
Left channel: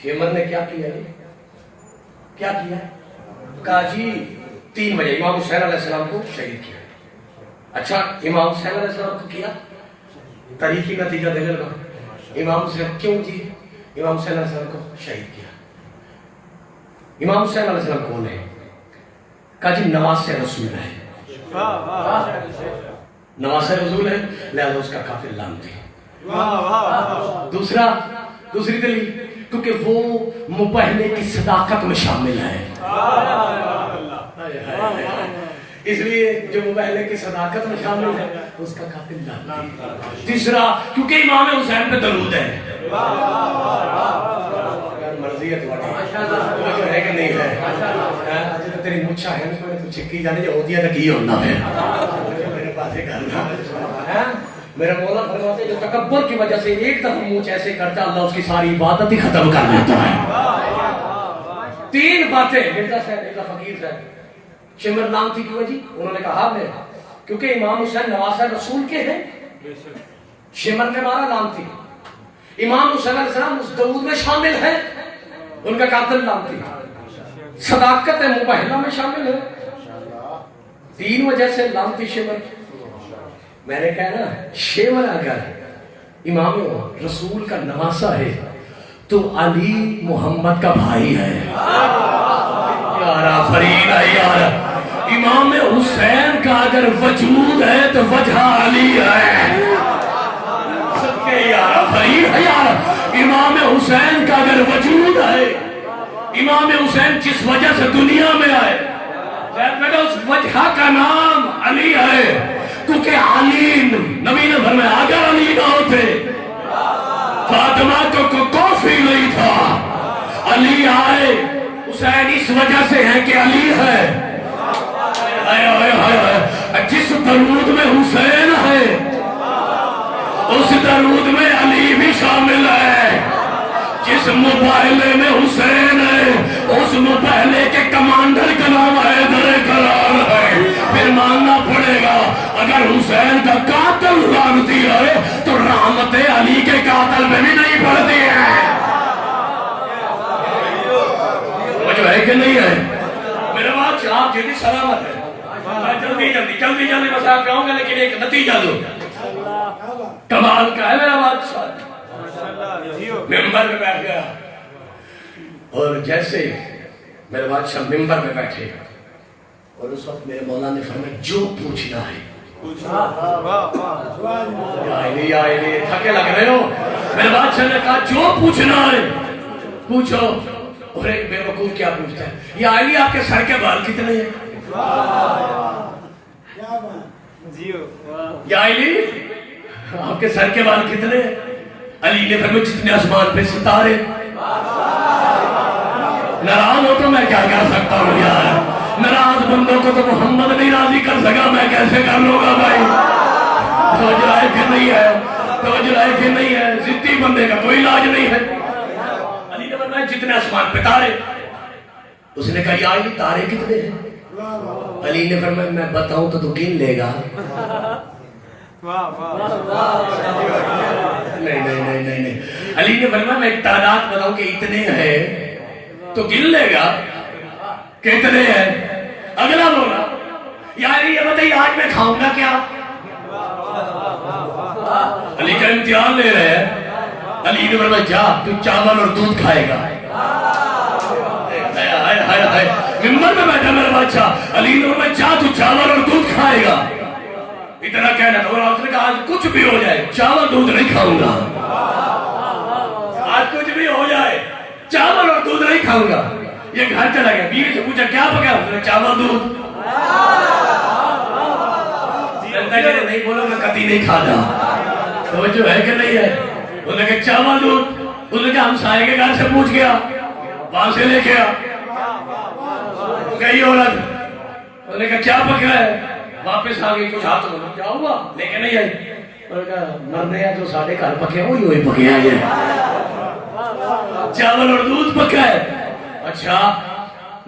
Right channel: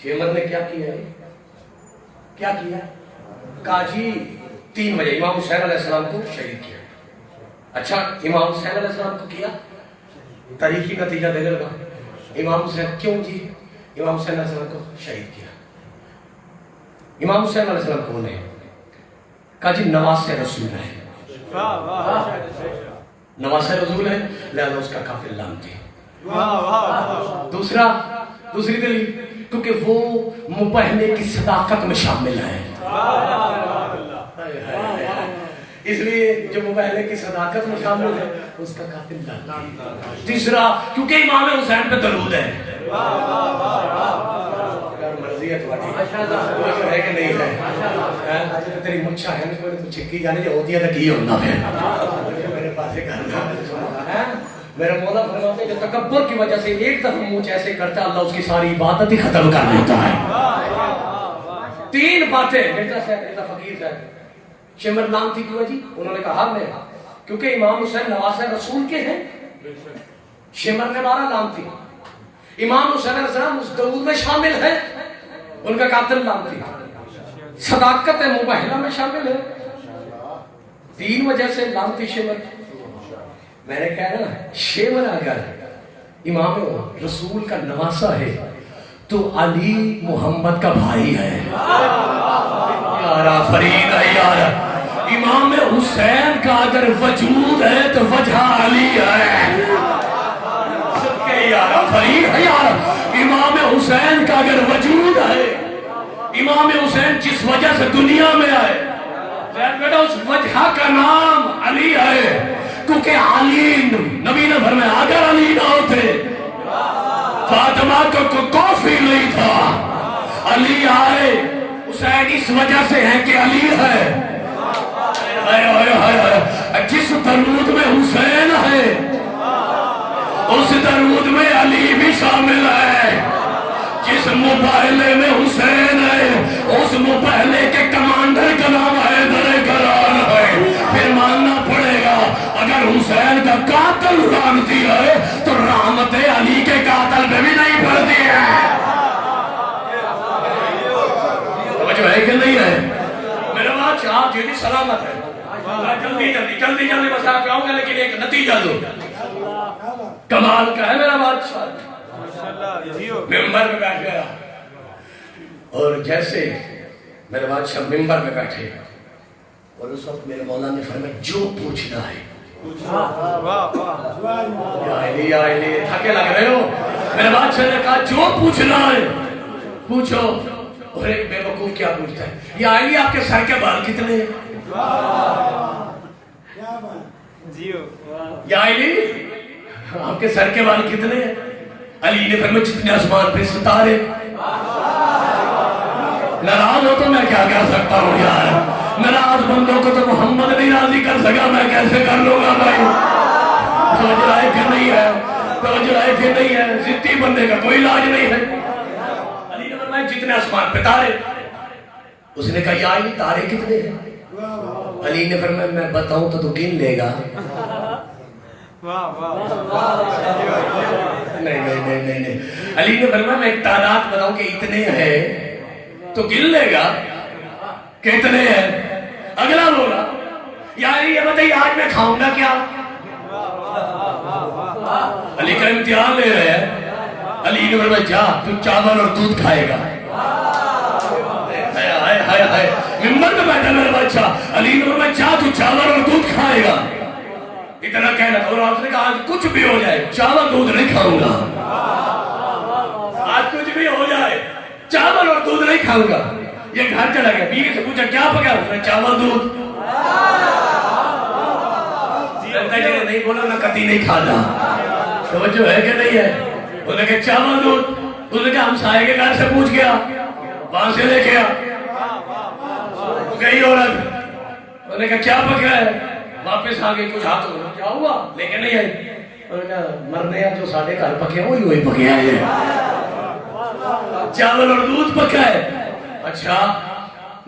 شیمر نے کیا کیا ہے؟ کیا کیا؟ کہا جی 3 بجے امام حسین علیہ السلام کو شہید کیا. اچھا امام حسین علیہ السلام کو کیا، تاریخی نتیجہ دینے لگا. امام حسین کیوں جی امام حسین علیہ السلام کو شہید کیا؟ امام حسین علیہ السلام کون ہے؟ کہا جی نواسہ رسول ہے. نواسہ رسول ہے لہذا اس کا قاتل لعنتی. دوسری دلیل کیونکہ وہ مبہلے کی صداقت میں شامل ہے. اس لیے جو مبہلے کی صداقت میں شامل ہے اس کا قاتل لعنتی. تیسرا کیونکہ امام حسین پہ درود ہے. مرضی ہے تمہاری ہے کہ نہیں ہے؟ تیری مچھا ہے چکی جانے جو ہوتی ہے تو کی ہونا پھر میرے پاس ہی کرنا. میرا مولا فرماتے جو تکبر کی وجہ سے ایک دفعہ منہ ایسے کرتا اللہ اس کی ساری عبادت ہی ختم کر دیتا ہے. 3 باتیں مرزا صاحب مرزا فقیر صاحب شمر لعنتی کیوں ہے جی؟ انہوں نے کہا میں کیونکہ امام حسین نواسہ رسول کے ہیں. شمر نے مارا لعنتی. امام حسین علیہ السلام اس دعود میں شامل ہے ان کا قاتل لعنتی. صداقت مبہلہ میں شامل ہے. 3 وجہ سے لعنتی شمر. میں نے کہا نا شیمر اگر امام رسول کا نواسہ ہے تو علی محمد کا بھائی ہے. یار فرید ہے یار. امام حسین کا اگر وجود ہے تو وجہ علی ہے. یار فرید ہے یار. امام حسین کا اگر وجود ہے امام حسین جس وجہ سے دنیا میں آئے اس وجہ کا نام علی ہے. کیونکہ علی نبی نے فرمایا اگر علی نہ ہوتے فاطمہ کو کافی نہیں تھا. علی آئے حسین اس وجہ سے ہے کہ علی ہے. جس درود میں حسین ہے اس درود میں علی بھی شامل ہے. جس مباہلے میں حسین ہے اس مباہلے کے کمانڈر کا نام حیدر کرار ہے. پھر ماننا پڑے گا اگر حسین کا قاتل لعنتی ہے تو رحمت علی کے قاتل میں بھی نہیں پڑتی ہے. جو ہے کہ نہیں ہے میرا بات آپ جیدی سلامت ہے. میں جلدی مساق کراؤں گا لیکن ایک نتیجہ دو کمال کا ہے. میرا بادشاہ ممبر میں بیٹھ گیا اور جیسے میرے بادشاہ ممبر میں بیٹھے اور اس وقت میرے مولا نے فرمایا جو پوچھنا ہے. تھکے لگ رہے ہو؟ میرے بادشاہ نے کہا جو پوچھنا ہے پوچھو. اور ایک بے وقوف کیا پوچھتا ہے یا علی آپ کے سر کے بال کتنے ہیں؟ یا علی آپ کے سر کے بال کتنے ہیں؟ علی نے فرمایا جتنے آسمان پہ ستارے. ناراض ہو تو میں کیا کہہ سکتا ہوں یار. ناراض بندوں کو تو محمد نہیں راضی کر سکا میں کیسے کر لوں گا بھائی. توجہ ہے کہ نہیں ہے؟ توجہ ہے کہ نہیں ہے؟ ضدی بندے کا کوئی علاج نہیں ہے. علی نے فرمایا جتنے آسمان پہ تارے. اس نے کہا یا علی تارے کتنے ہیں؟ علی نے فرمایا میں بتاؤں تو گن لے گا. نہیں. علی نے فرمایا میں ایک تعداد بتاؤں کہ اتنے ہیں تو گن لے گا کتنے ہیں. اگلا بولا یا علی یہ بتائیے آج میں کھاؤں گا کیا؟ علی کا امتحان لے رہے ہیں. علی نے فرمایا جا تو چاول اور دودھ کھائے گا. ممبر میں بیٹھا میرا بادشاہ. علی نے فرمایا جا تو چاول اور دودھ کھائے گا. اتنا کہنا اور آپ نے کہا آج کچھ بھی ہو جائے چاول دودھ نہیں کھاؤں گا. آج کچھ بھی ہو جائے چاول اور دودھ نہیں کھاؤں گا. یہ گھر چلا گیا. بیوی سے پوچھا کیا پکا؟ اس نے چاول دودھ. نہیں بولا میں کبھی نہیں کھاتا. توجہ ہے کہ نہیں ہے؟ انہوں نے کہا چاول دودھ. انہوں نے کہا ہم سائے کے گھر سے پوچھ گیا وہاں سے لے کے آ. گئی عورت. انہوں نے کہا کیا پکا ہے؟ واپس آ گئی. کچھ ہاتھ میں کیا ہوا لے کے نہیں آئی. انہوں نے کہا مرنے ہیں تو سارے گھر پکے ہوئی پکے ہیں چاول اور دودھ پکا ہے. اچھا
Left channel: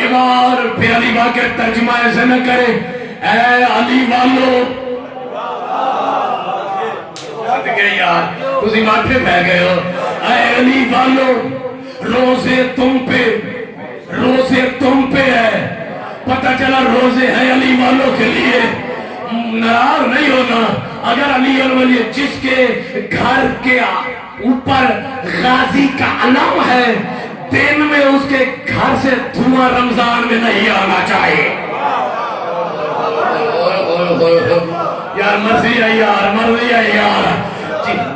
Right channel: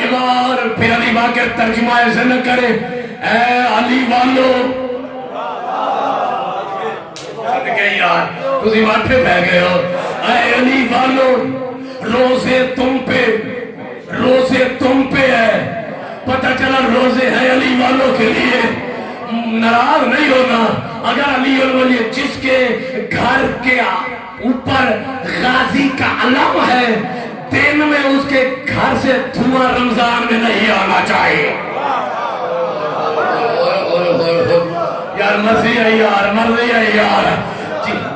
ایمان پھر علی باقر ترجمہ ایسے نہ کرے اے علی والو یار تسی ماتھے بہ گئے ہو اے علی والو روزے تم پہ ہے پتہ چلا روزے ہیں علی والوں کے لیے ناراض نہیں ہونا اگر علی ولی جس کے گھر کے اوپر غازی کا علم ہے دن میں اس کے گھر سے دھواں رمضان میں نہیں آنا چاہیے یار مرضی ہے یار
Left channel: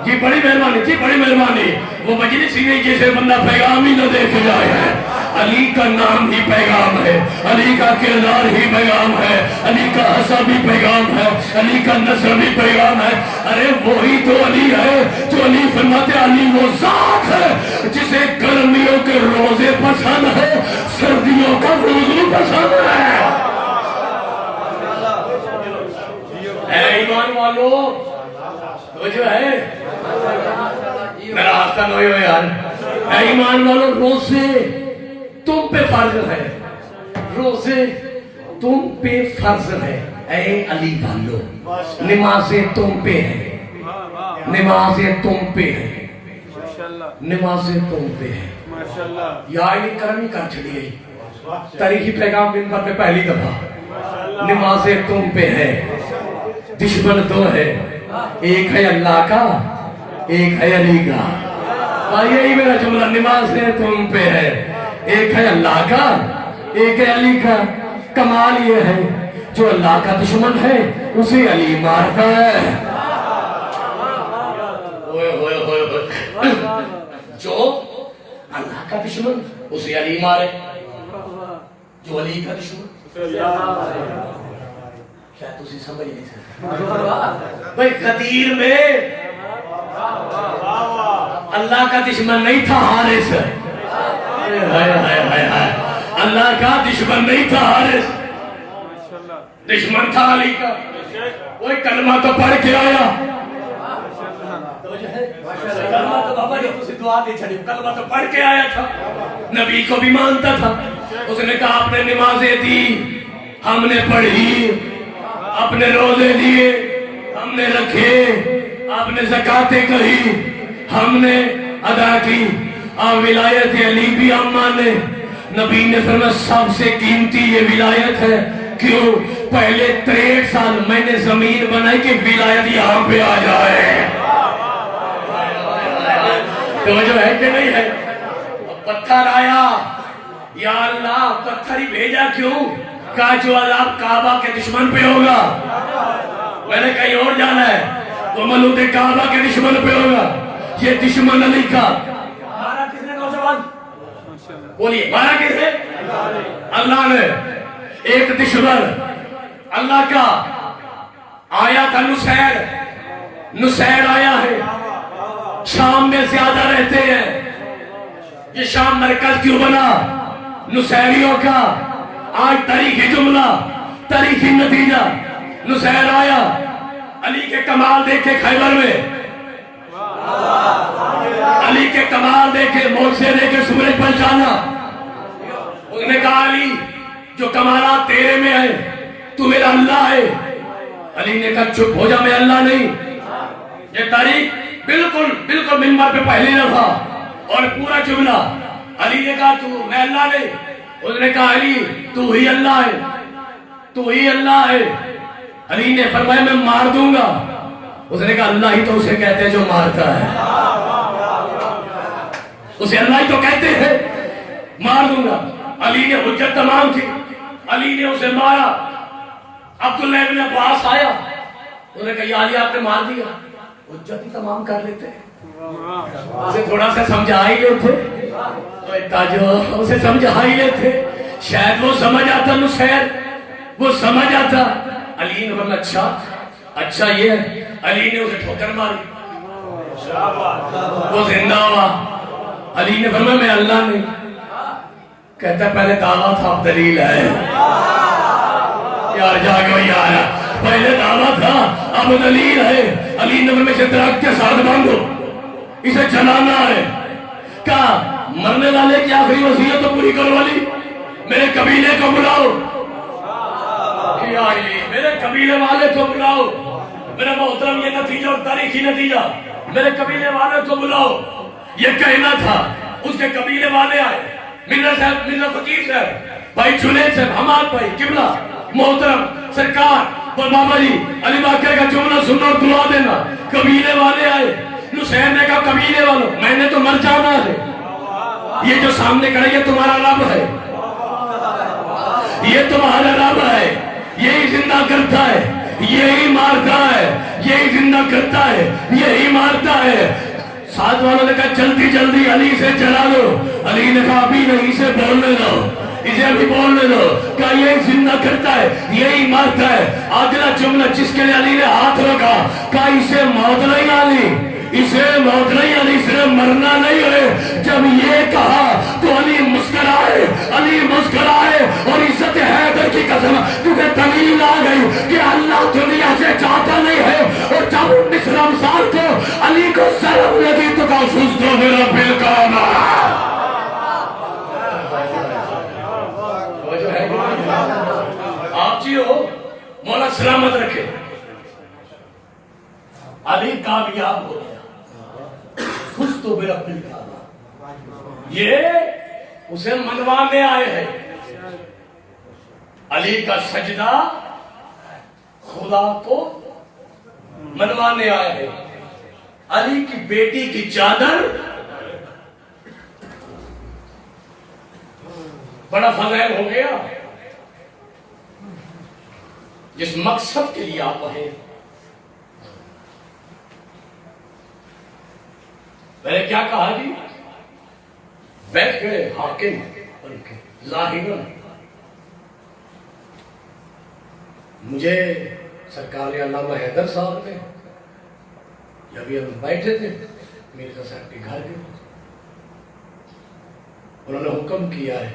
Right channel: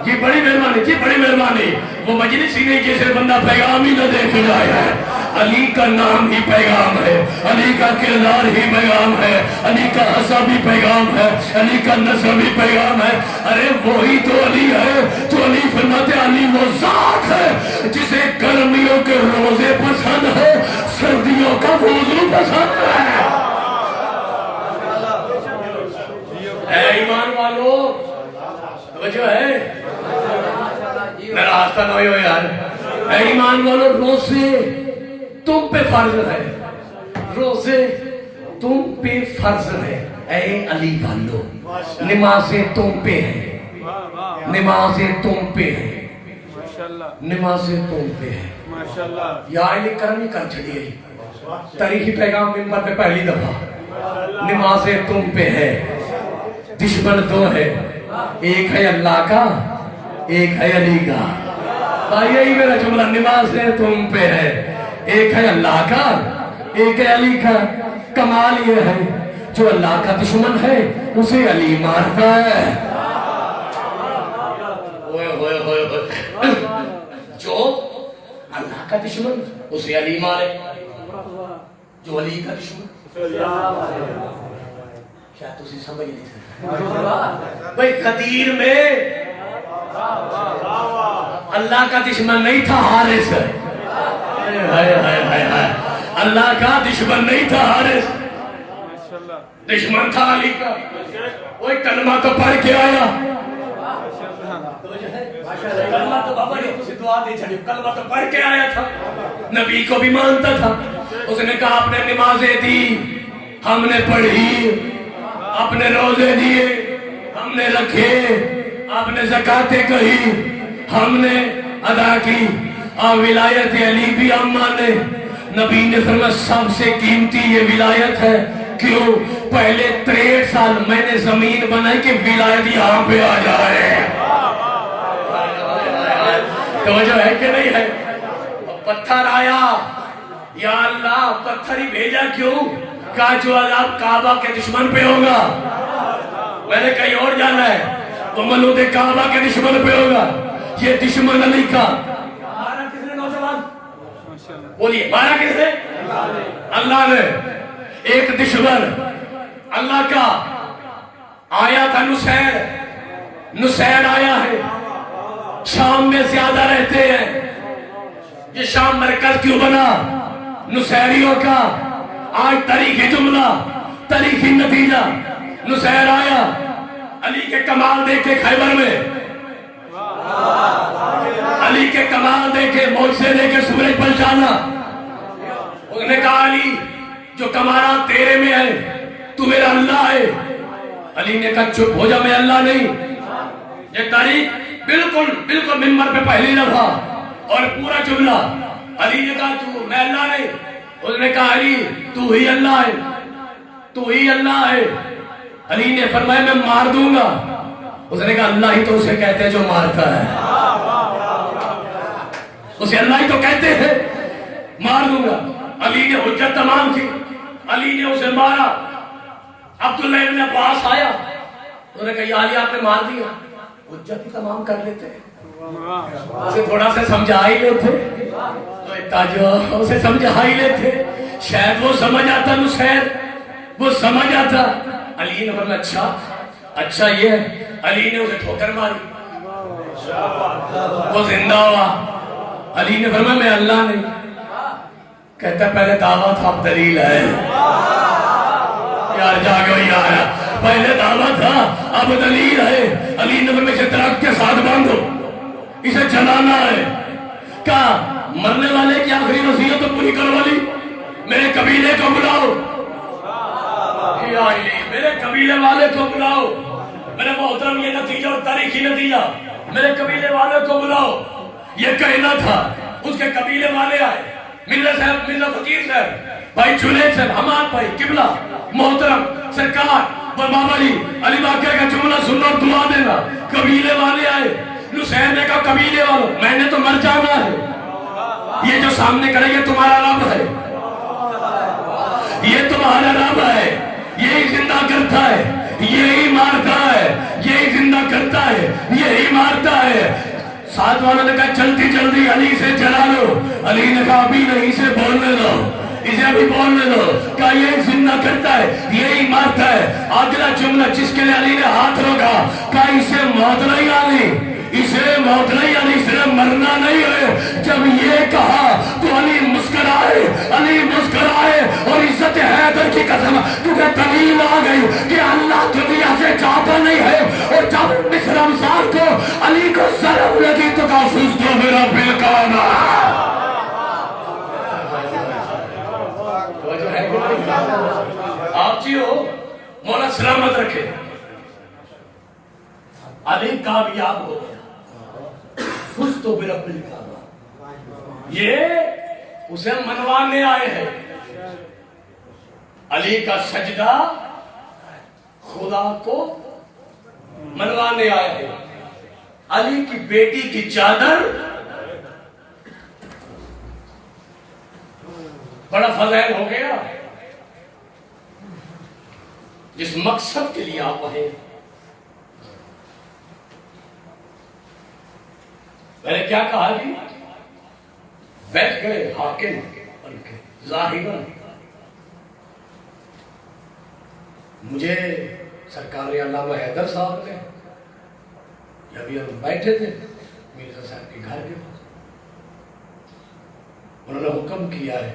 جی بڑی مہربانی وہ مجلس ہی نہیں جسے بندہ پیغام ہی نہ دے کے جائے ہے علی کا نام ہی پیغام ہے علی کا کردار ہی پیغام ہے علی کا حصہ بھی پیغام ہے علی کا نصر بھی پیغام ہے ارے وہی تو علی ہے جو علی فرماتے علی وہ ذات ہے جسے گرمیوں کے روزے پسند ہے سردیوں کا وضو پسند ہے اے ایمان والو جو ہے میرا راستہ نہیں ہو یار اے ایمان والو روزے تم پہ فرض ہے روزے تم پہ فرض ہے اے علی والو نمازیں تم پہ ہے نمازیں تم پہ ہے نمازیں تم پہ ہے یا علی کرمی کر چڑی گئی تاریخی پیغام منبر پہ پہلی دفعہ نمازیں تم پہ ہے دشمن دو ہے ایک ہے اللہ کا ایک ہے علی کا یہی میرا جملہ نمازیں تم پہ ہے ایک ہے اللہ کا ایک ہے علی کا کمال یہ ہے جو اللہ کا دشمن ہے اسے علی مارتا ہے جو اللہ کا دشمن اسے علی مارے جو علی کا دشمن کیا تسی سمجھ نہیں سکتے بھائی غدیر میں اللہ کا دشمن نہیں تھا حارث اللہ کا دشمن نہیں تھا حارث دشمن تھا علی کا وہی کلمہ تو پڑھ کے آیا کلمہ تو بابا یہ تسی دعا نہیں چھڑی کلمہ تو پڑھ کے آیا تھا نبی کو بھی مانتا تھا اس نے کہا آپ نے نمازیں دی ہم نے پڑھی اپنے روزے دیے ہم نے رکھے آپ نے زکاتیں کہی ہم نے ادا کی اور ولایت علی بھی ہم مانے نبی نے فرمایا سب سے قیمتی یہ ولایت ہے کیوں پہلے 63 سال میں نے زمین بنائی کہ ولایت یہاں پہ آ جائے توجہ ہے کہ نہیں ہے پتھر آیا یا اللہ پتھر ہی بھیجا کیوں کہا جو عذاب کعبہ کے دشمن پہ ہوگا میں نے کہیں اور جانا ہے وہ ملود کعبہ کے دشمن پہ ہوگا یہ دشمن علی کا مارا کس نے نوجوان بولیے مارا کس نے اللہ نے ایک دشمن اللہ کا آیا تھا نسیر آیا ہے شام میں زیادہ رہتے ہیں یہ شام مرکز کیوں بنا نسیریوں کا آج تاریخی جملہ تاریخی نتیجہ نسیر آیا علی کے کمال دیکھے خیبر میں علی کے کمال دیکھے معجزے دیکھے سورج پہچانا اس نے کہا علی جو کمالات تیرے میں ہے تو میرا اللہ ہے علی نے کہا چپ ہو جا میں اللہ نہیں یہ تاریخ بالکل منبر پہ پہلی دفعہ اور پورا جملہ علی نے کہا تو میں اللہ نہیں اس نے کہا علی تو ہی اللہ ہے تو ہی اللہ ہے علی نے فرمایا میں مار دوں گا اس نے کہا اللہ ہی تو اسے کہتے ہیں جو مارتا ہے اسے اللہ ہی تو کہتے ہیں مار دوں گا علی نے حجت تمام کی علی نے اسے مارا عبداللہ ابن عباس آیا انہوں نے کہا یا علی آپ نے مار دیا حجت ہی تمام کر لیتے اسے تھوڑا سا سمجھا ہی لیتے اسے سمجھا ہی لیتے شاید وہ سمجھ آتا نسیر وہ سمجھ آتا علی نے فرمایا اچھا یہ علی نے اسے ٹھوکر ماری وہ زندہ ہوا علی نے فرمایا میں اللہ نہیں کہتا پہلے دعویٰ تھا اب دلیل ہے یار جاگو یار پہلے دعویٰ تھا اب دلیل ہے علی نے فرمایا اسے درخت کے ساتھ باندھو اسے جلانا ہے کہا مرنے والے کی آخری وصیت تو پوری کرو علی میرے قبیلے کو بلاؤ، میرے قبیلے والے کو بلاؤ. میرا محترم یہ نتیجہ اور تاریخی نتیجہ، میرے قبیلے والے کو بلاؤ. یہ کہنا تھا، اس کے قبیلے والے آئے، مرزا صاحب، مرزا فقیر صاحب، بھائی جنید صاحب، حماد بھائی، قبلہ محترم سرکار اور بابا جی علی باقر کا جملہ سننا اور دعا دینا. قبیلے والے آئے. نصیر نے کہا قبیلے والوں میں نے تو مر جانا ہے، یہ جو سامنے کھڑے یہ تمہارا رب ہے، یہ تمہارا رب ہے، یہی زندہ کرتا ہے، یہی مارتا ہے، یہی زندہ کرتا ہے، یہی مارتا ہے. ساتھ والوں نے کہا جلدی جلدی علی سے چلا لو. علی نے کہا ابھی نہیں، اسے بولنے دو، اسے ابھی بولنے دو. کہا یہی زندہ کرتا ہے، یہی مارتا ہے. اگلا جملہ جس کے لیے علی نے ہاتھ روکا، کہا اسے موت نہیں آنی، اسے موت نہیں آنی، اسے مرنا نہیں ہے. جب یہ کہا تو علی مسکرائے، علی مسکرائے اور عزت حیدر کی قسم، کیونکہ دلیل آ گئی کہ اللہ دنیا سے چاہتا نہیں ہے. اور جب مصر امسال کو علی کو ضرب لگی تو کہا سوچ دو میرا بیکانا. آپ جی ہو، مولا سلامت رکھے. علی کامیاب ہو گیا. تو برب الکعبہ، یہ اسے منوانے آئے ہیں. علی کا سجدہ خدا کو منوانے آئے ہیں. علی کی بیٹی کی چادر، بڑا فضائل ہو گیا. جس مقصد کے لیے آپ آئے، میں نے کیا کہا جی؟ بیٹھ گئے حاکم بن کے ظاہراً. مجھے سرکار علامہ حیدر صاحب نے، جب ہم بیٹھے تھے مرزا صاحب کے گھر کے، انہوں نے حکم کیا ہے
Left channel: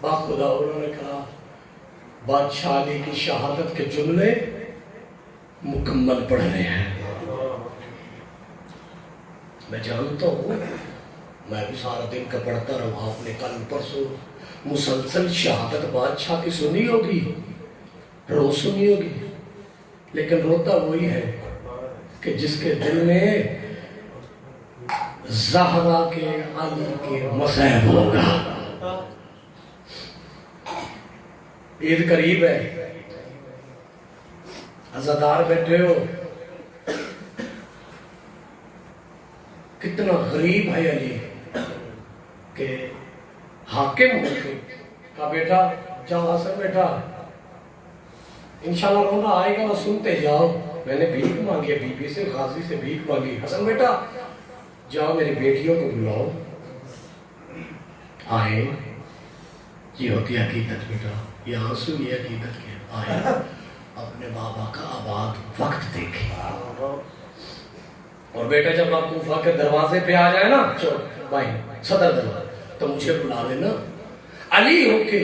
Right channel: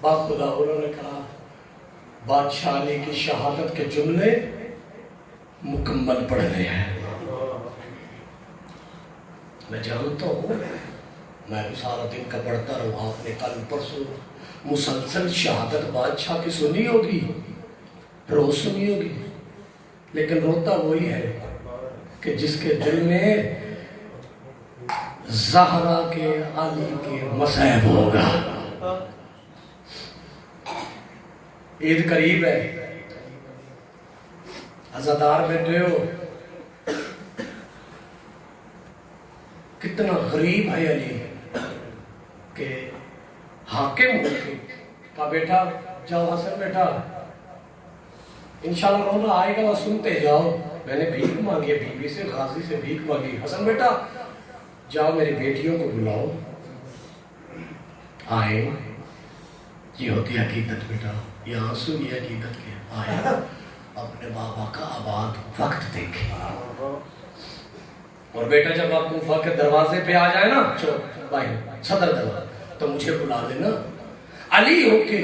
باخدا. انہوں نے کہا بادشاہ علی کی شہادت کے جملے مکمل پڑھنے ہیں. میں جانتا ہوں، میں بھی سارا دن کا پڑھتا رہا. آپ نے کل پرسوں مسلسل شہادت بادشاہ کی سنی ہوگی، روز سنی ہوگی، لیکن روتا وہی ہے کہ جس کے دل میں زہرا کے علی کے مصائب ہوگا. عید قریب ہے، عزادار بیٹھے ہو. کتنا غریب ہے علی کہ حاکم ہو کے کہا بیٹا جاؤ حسن بیٹا، انشاءاللہ رونا آئے گا، سنتے جاؤ. میں نے بھیک مانگی ہے، بی بی سے، غازی سے بھیک مانگی. حسن بیٹا جاؤ میری بیٹیوں کو بلاؤ. آئے، یہ ہوتی حقیقت بیٹا، یہ آنسو یہ حقیقت کے. آئے اپنے بابا کا آباد وقت دیکھے. اور بیٹا جب آپ کوفہ کے دروازے پہ آ جائے نا، بھائی صدر دروازے، تو مجھے بلا لینا. علی ہو کے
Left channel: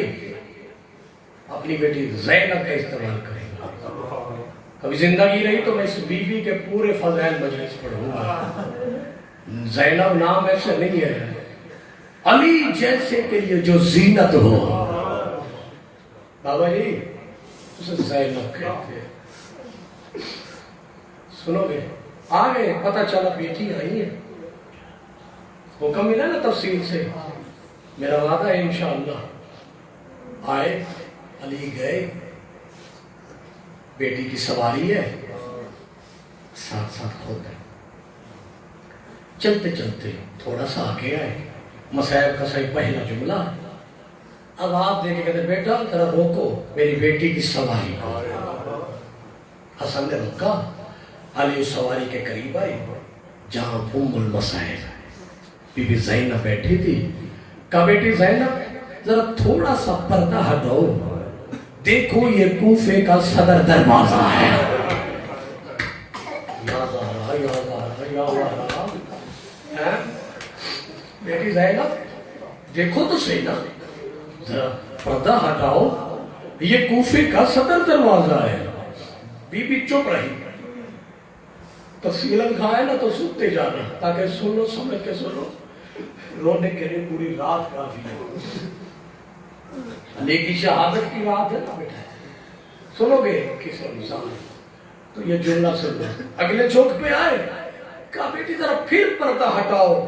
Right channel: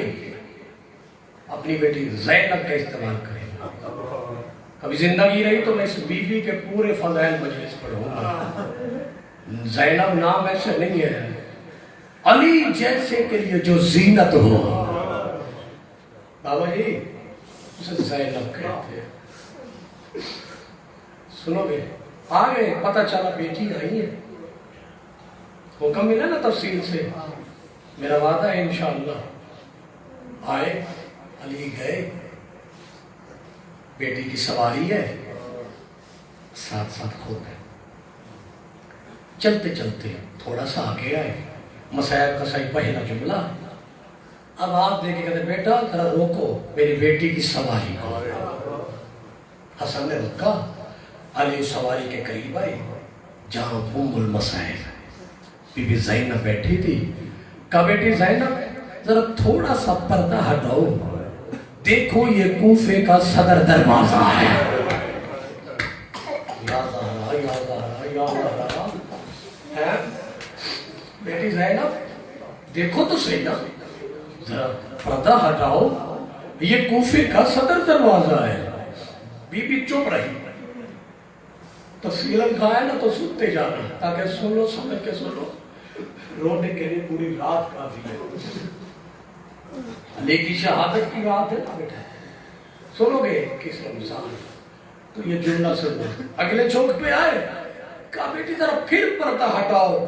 اپنی بیٹی زینب کا استعمال کریں. ابھی زندگی رہی تو میں اس بیوی کے پورے فضائل مجلس پڑھوں گا. زینب نام ایسے نہیں ہے، علی جیسے کے لیے جو زینت ہو. بابا جی اسے زینب کہتے ہیں. سنو گے آگے پتہ چلا بیٹی آئی ہے، حکم ملا نا تفصیل سے. میرا وعدہ ہے انشاءاللہ. آئے، علی گئے، بیٹی کی سواری ہے، ساتھ ساتھ ہو گئے. چلتے چلتے تھوڑا سا آگے آئے. مسائب کا صحیح پہلا جملہ. اب آپ دیکھے کہتے بیٹا ذرا روکو میری بیٹی کی سواری. حسن نے روکا. علی اس سواری کے قریب آئی جہاں ام المصائب بی بی زینب بیٹھی تھی. کہا بیٹی زینب ذرا تھوڑا سا پردہ ہٹاؤ، دیکھو یہ کوفے کا صدر دروازہ ہے. بیٹی زینب دیکھو تو صحیح نا، ذرا پردہ ہٹاؤ، یہ کوفے کا صدر دروازہ ہے. بی بی چپ رہی. تفصیلاً کہا ہے نا تو سنتے جانا تاکہ سنو، سمجھ کے سنو. رونے کے لیے پوری رات کافی ہے. علی کی شہادت کی بات ہے نا بیٹا، سنو گے کس رمضان تو یہ جملہ سن لو۔ اگلے چوک پہ آئے، کہا بیٹی ذرا پھر پردہ ہٹاؤ،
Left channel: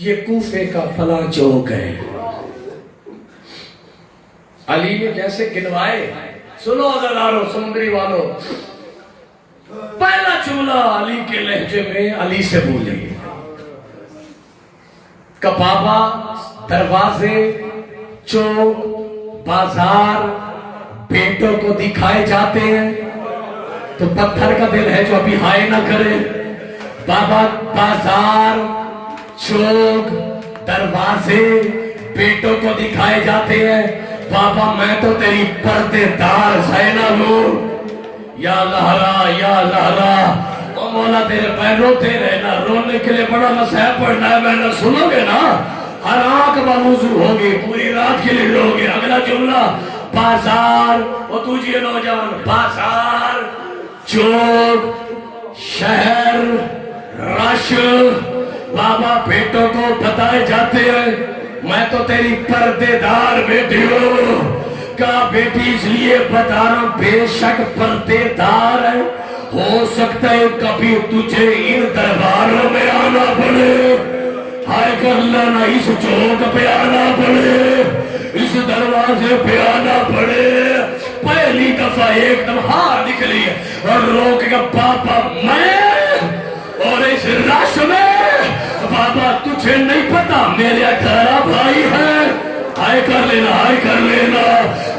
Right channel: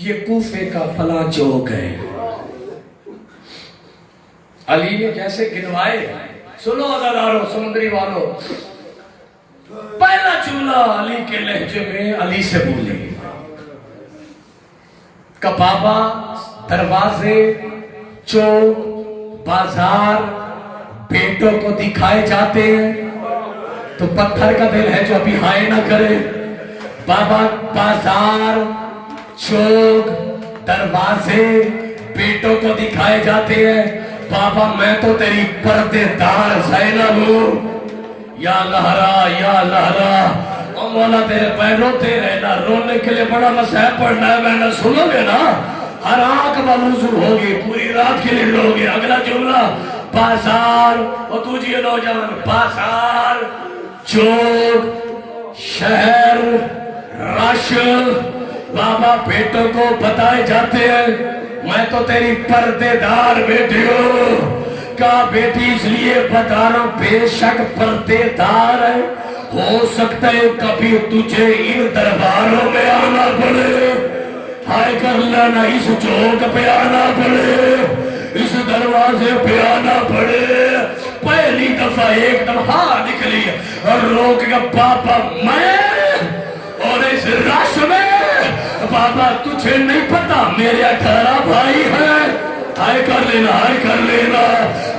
یہ کوفے کا فلاں چوک ہے۔ علی نے جیسے گنوائے، سنو عزیزانو سمندری والو، پہلا جملہ علی کے لہجے میں علی سے بولے کہ بابا دروازے، چوک، بازار بیٹوں کو دکھائے جاتے ہیں تو پتھر کا دل ہے جو ابھی ہائے نہ کرے۔ بابا بازار، چوک، دروازے بیٹوں کو دکھائے جاتے ہیں، بابا میں تو تیری پردے دار زینب ہوں۔ یا لہرا یا لہرا، او مولا تیرے پیر روتے رہنا، رونے کے لیے بڑا مسائل پڑھنا ہے، میں نہ سنو گے نا ہر آنکھ موضوع ہوگی، پوری رات کے لیے رو گے۔ اگلا جملہ بازار، اور دوجیے نوجوان، بازار، چوک، شہر، رش، بابا بیٹوں کو بتائے جاتے ہیں میں تو تیری پردے دار بیٹی ہوں۔ کہا بیٹی اس لیے بتا رہا ہوں بے شک پردے دار ہے، ہو سکتا ہے کبھی تجھے ان درباروں میں آنا پڑے، ہائے کر لینا اس چوک پہ آنا پڑے، اس دروازے پہ آنا پڑے۔ پہلی دفعہ ایک دم ہاں نکلی اور روک گا پاپا میں اور اس رش میں، بابا تجھے نہیں پتا میرے 18 بھائی ہیں، ہائے کر لینا ہائے کر لینا۔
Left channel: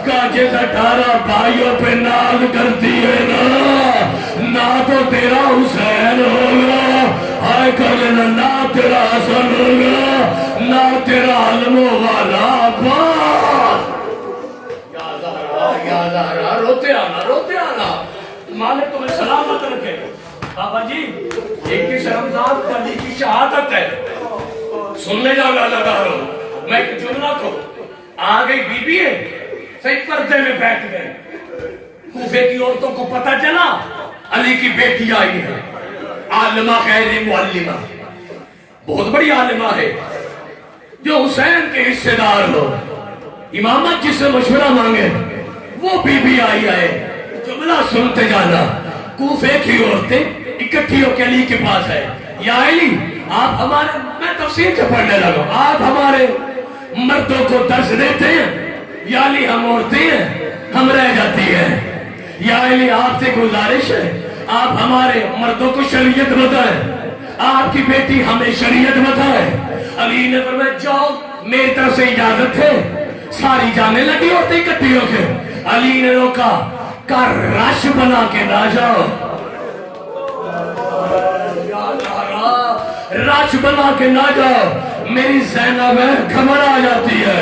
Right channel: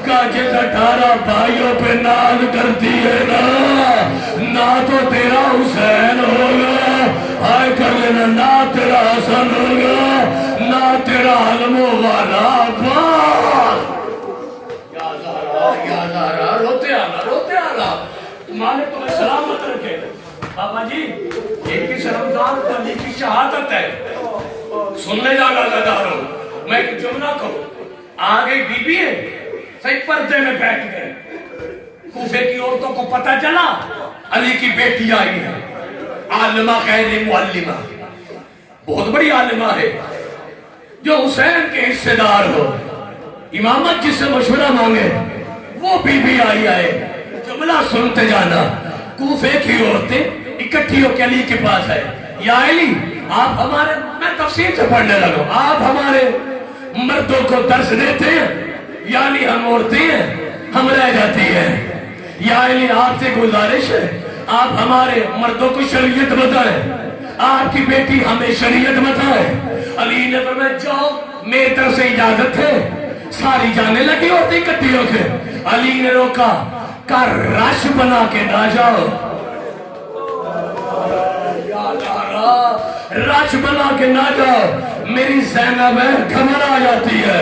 کہا جس 18 بھائیوں پہ ناز کرتی ہے نا تو تیرا حسین ہوگا، ہائے کر لینا، نہ تیرا حسن ہوگا، نہ تیرا علم والا عباس۔ یا زہرا روتے آنا مالک تمہیں سلامت رکھے۔ بابا جی یہ کس رمضان کو علی کی شہادت ہے، سننے جانا لگا رہا میں کہ جملہ کو آ گئی بی بی ہے، صحیح پردے میں بیٹھ گئے، کوفے کی عورتوں کو پتہ چلا علی کی بیٹی آئی ہے، عالمہ غیر معلمہ، بہت بڑی عالمہ ہے جو حسین کے حصے دار ہو، امامت جس سے مشورہ مانگے وہ بی بی آئی ہے۔ جملہ سنتے جانا، کوفے کی عورتیں اکٹھی ہو کے علی کے پاس ہے، یا علی آپ ہمارے، میں تفسیر سے پڑھنے لگا، آپ ہمارے مردوں کو درس دیتے ہیں، یا علی ہم عورتیں ہیں ہم رہ جاتی ہیں، یا علی آپ سے گزارش ہے آپ ہمارے مردوں کو شریعت بتائیں، آپ کی بیٹی ہمیں شریعت بتائے۔ علی نے فرمایا جاؤ میری طرف سے اجازت ہے، ساری جانے لگی عورتیں اکٹھی ہو کے۔ علی نے روکا، کہا رش بنا کے نہ جاؤ، رش بنا کے نہ جاؤ، میری زینب ہے گھبرا جاتی ہے۔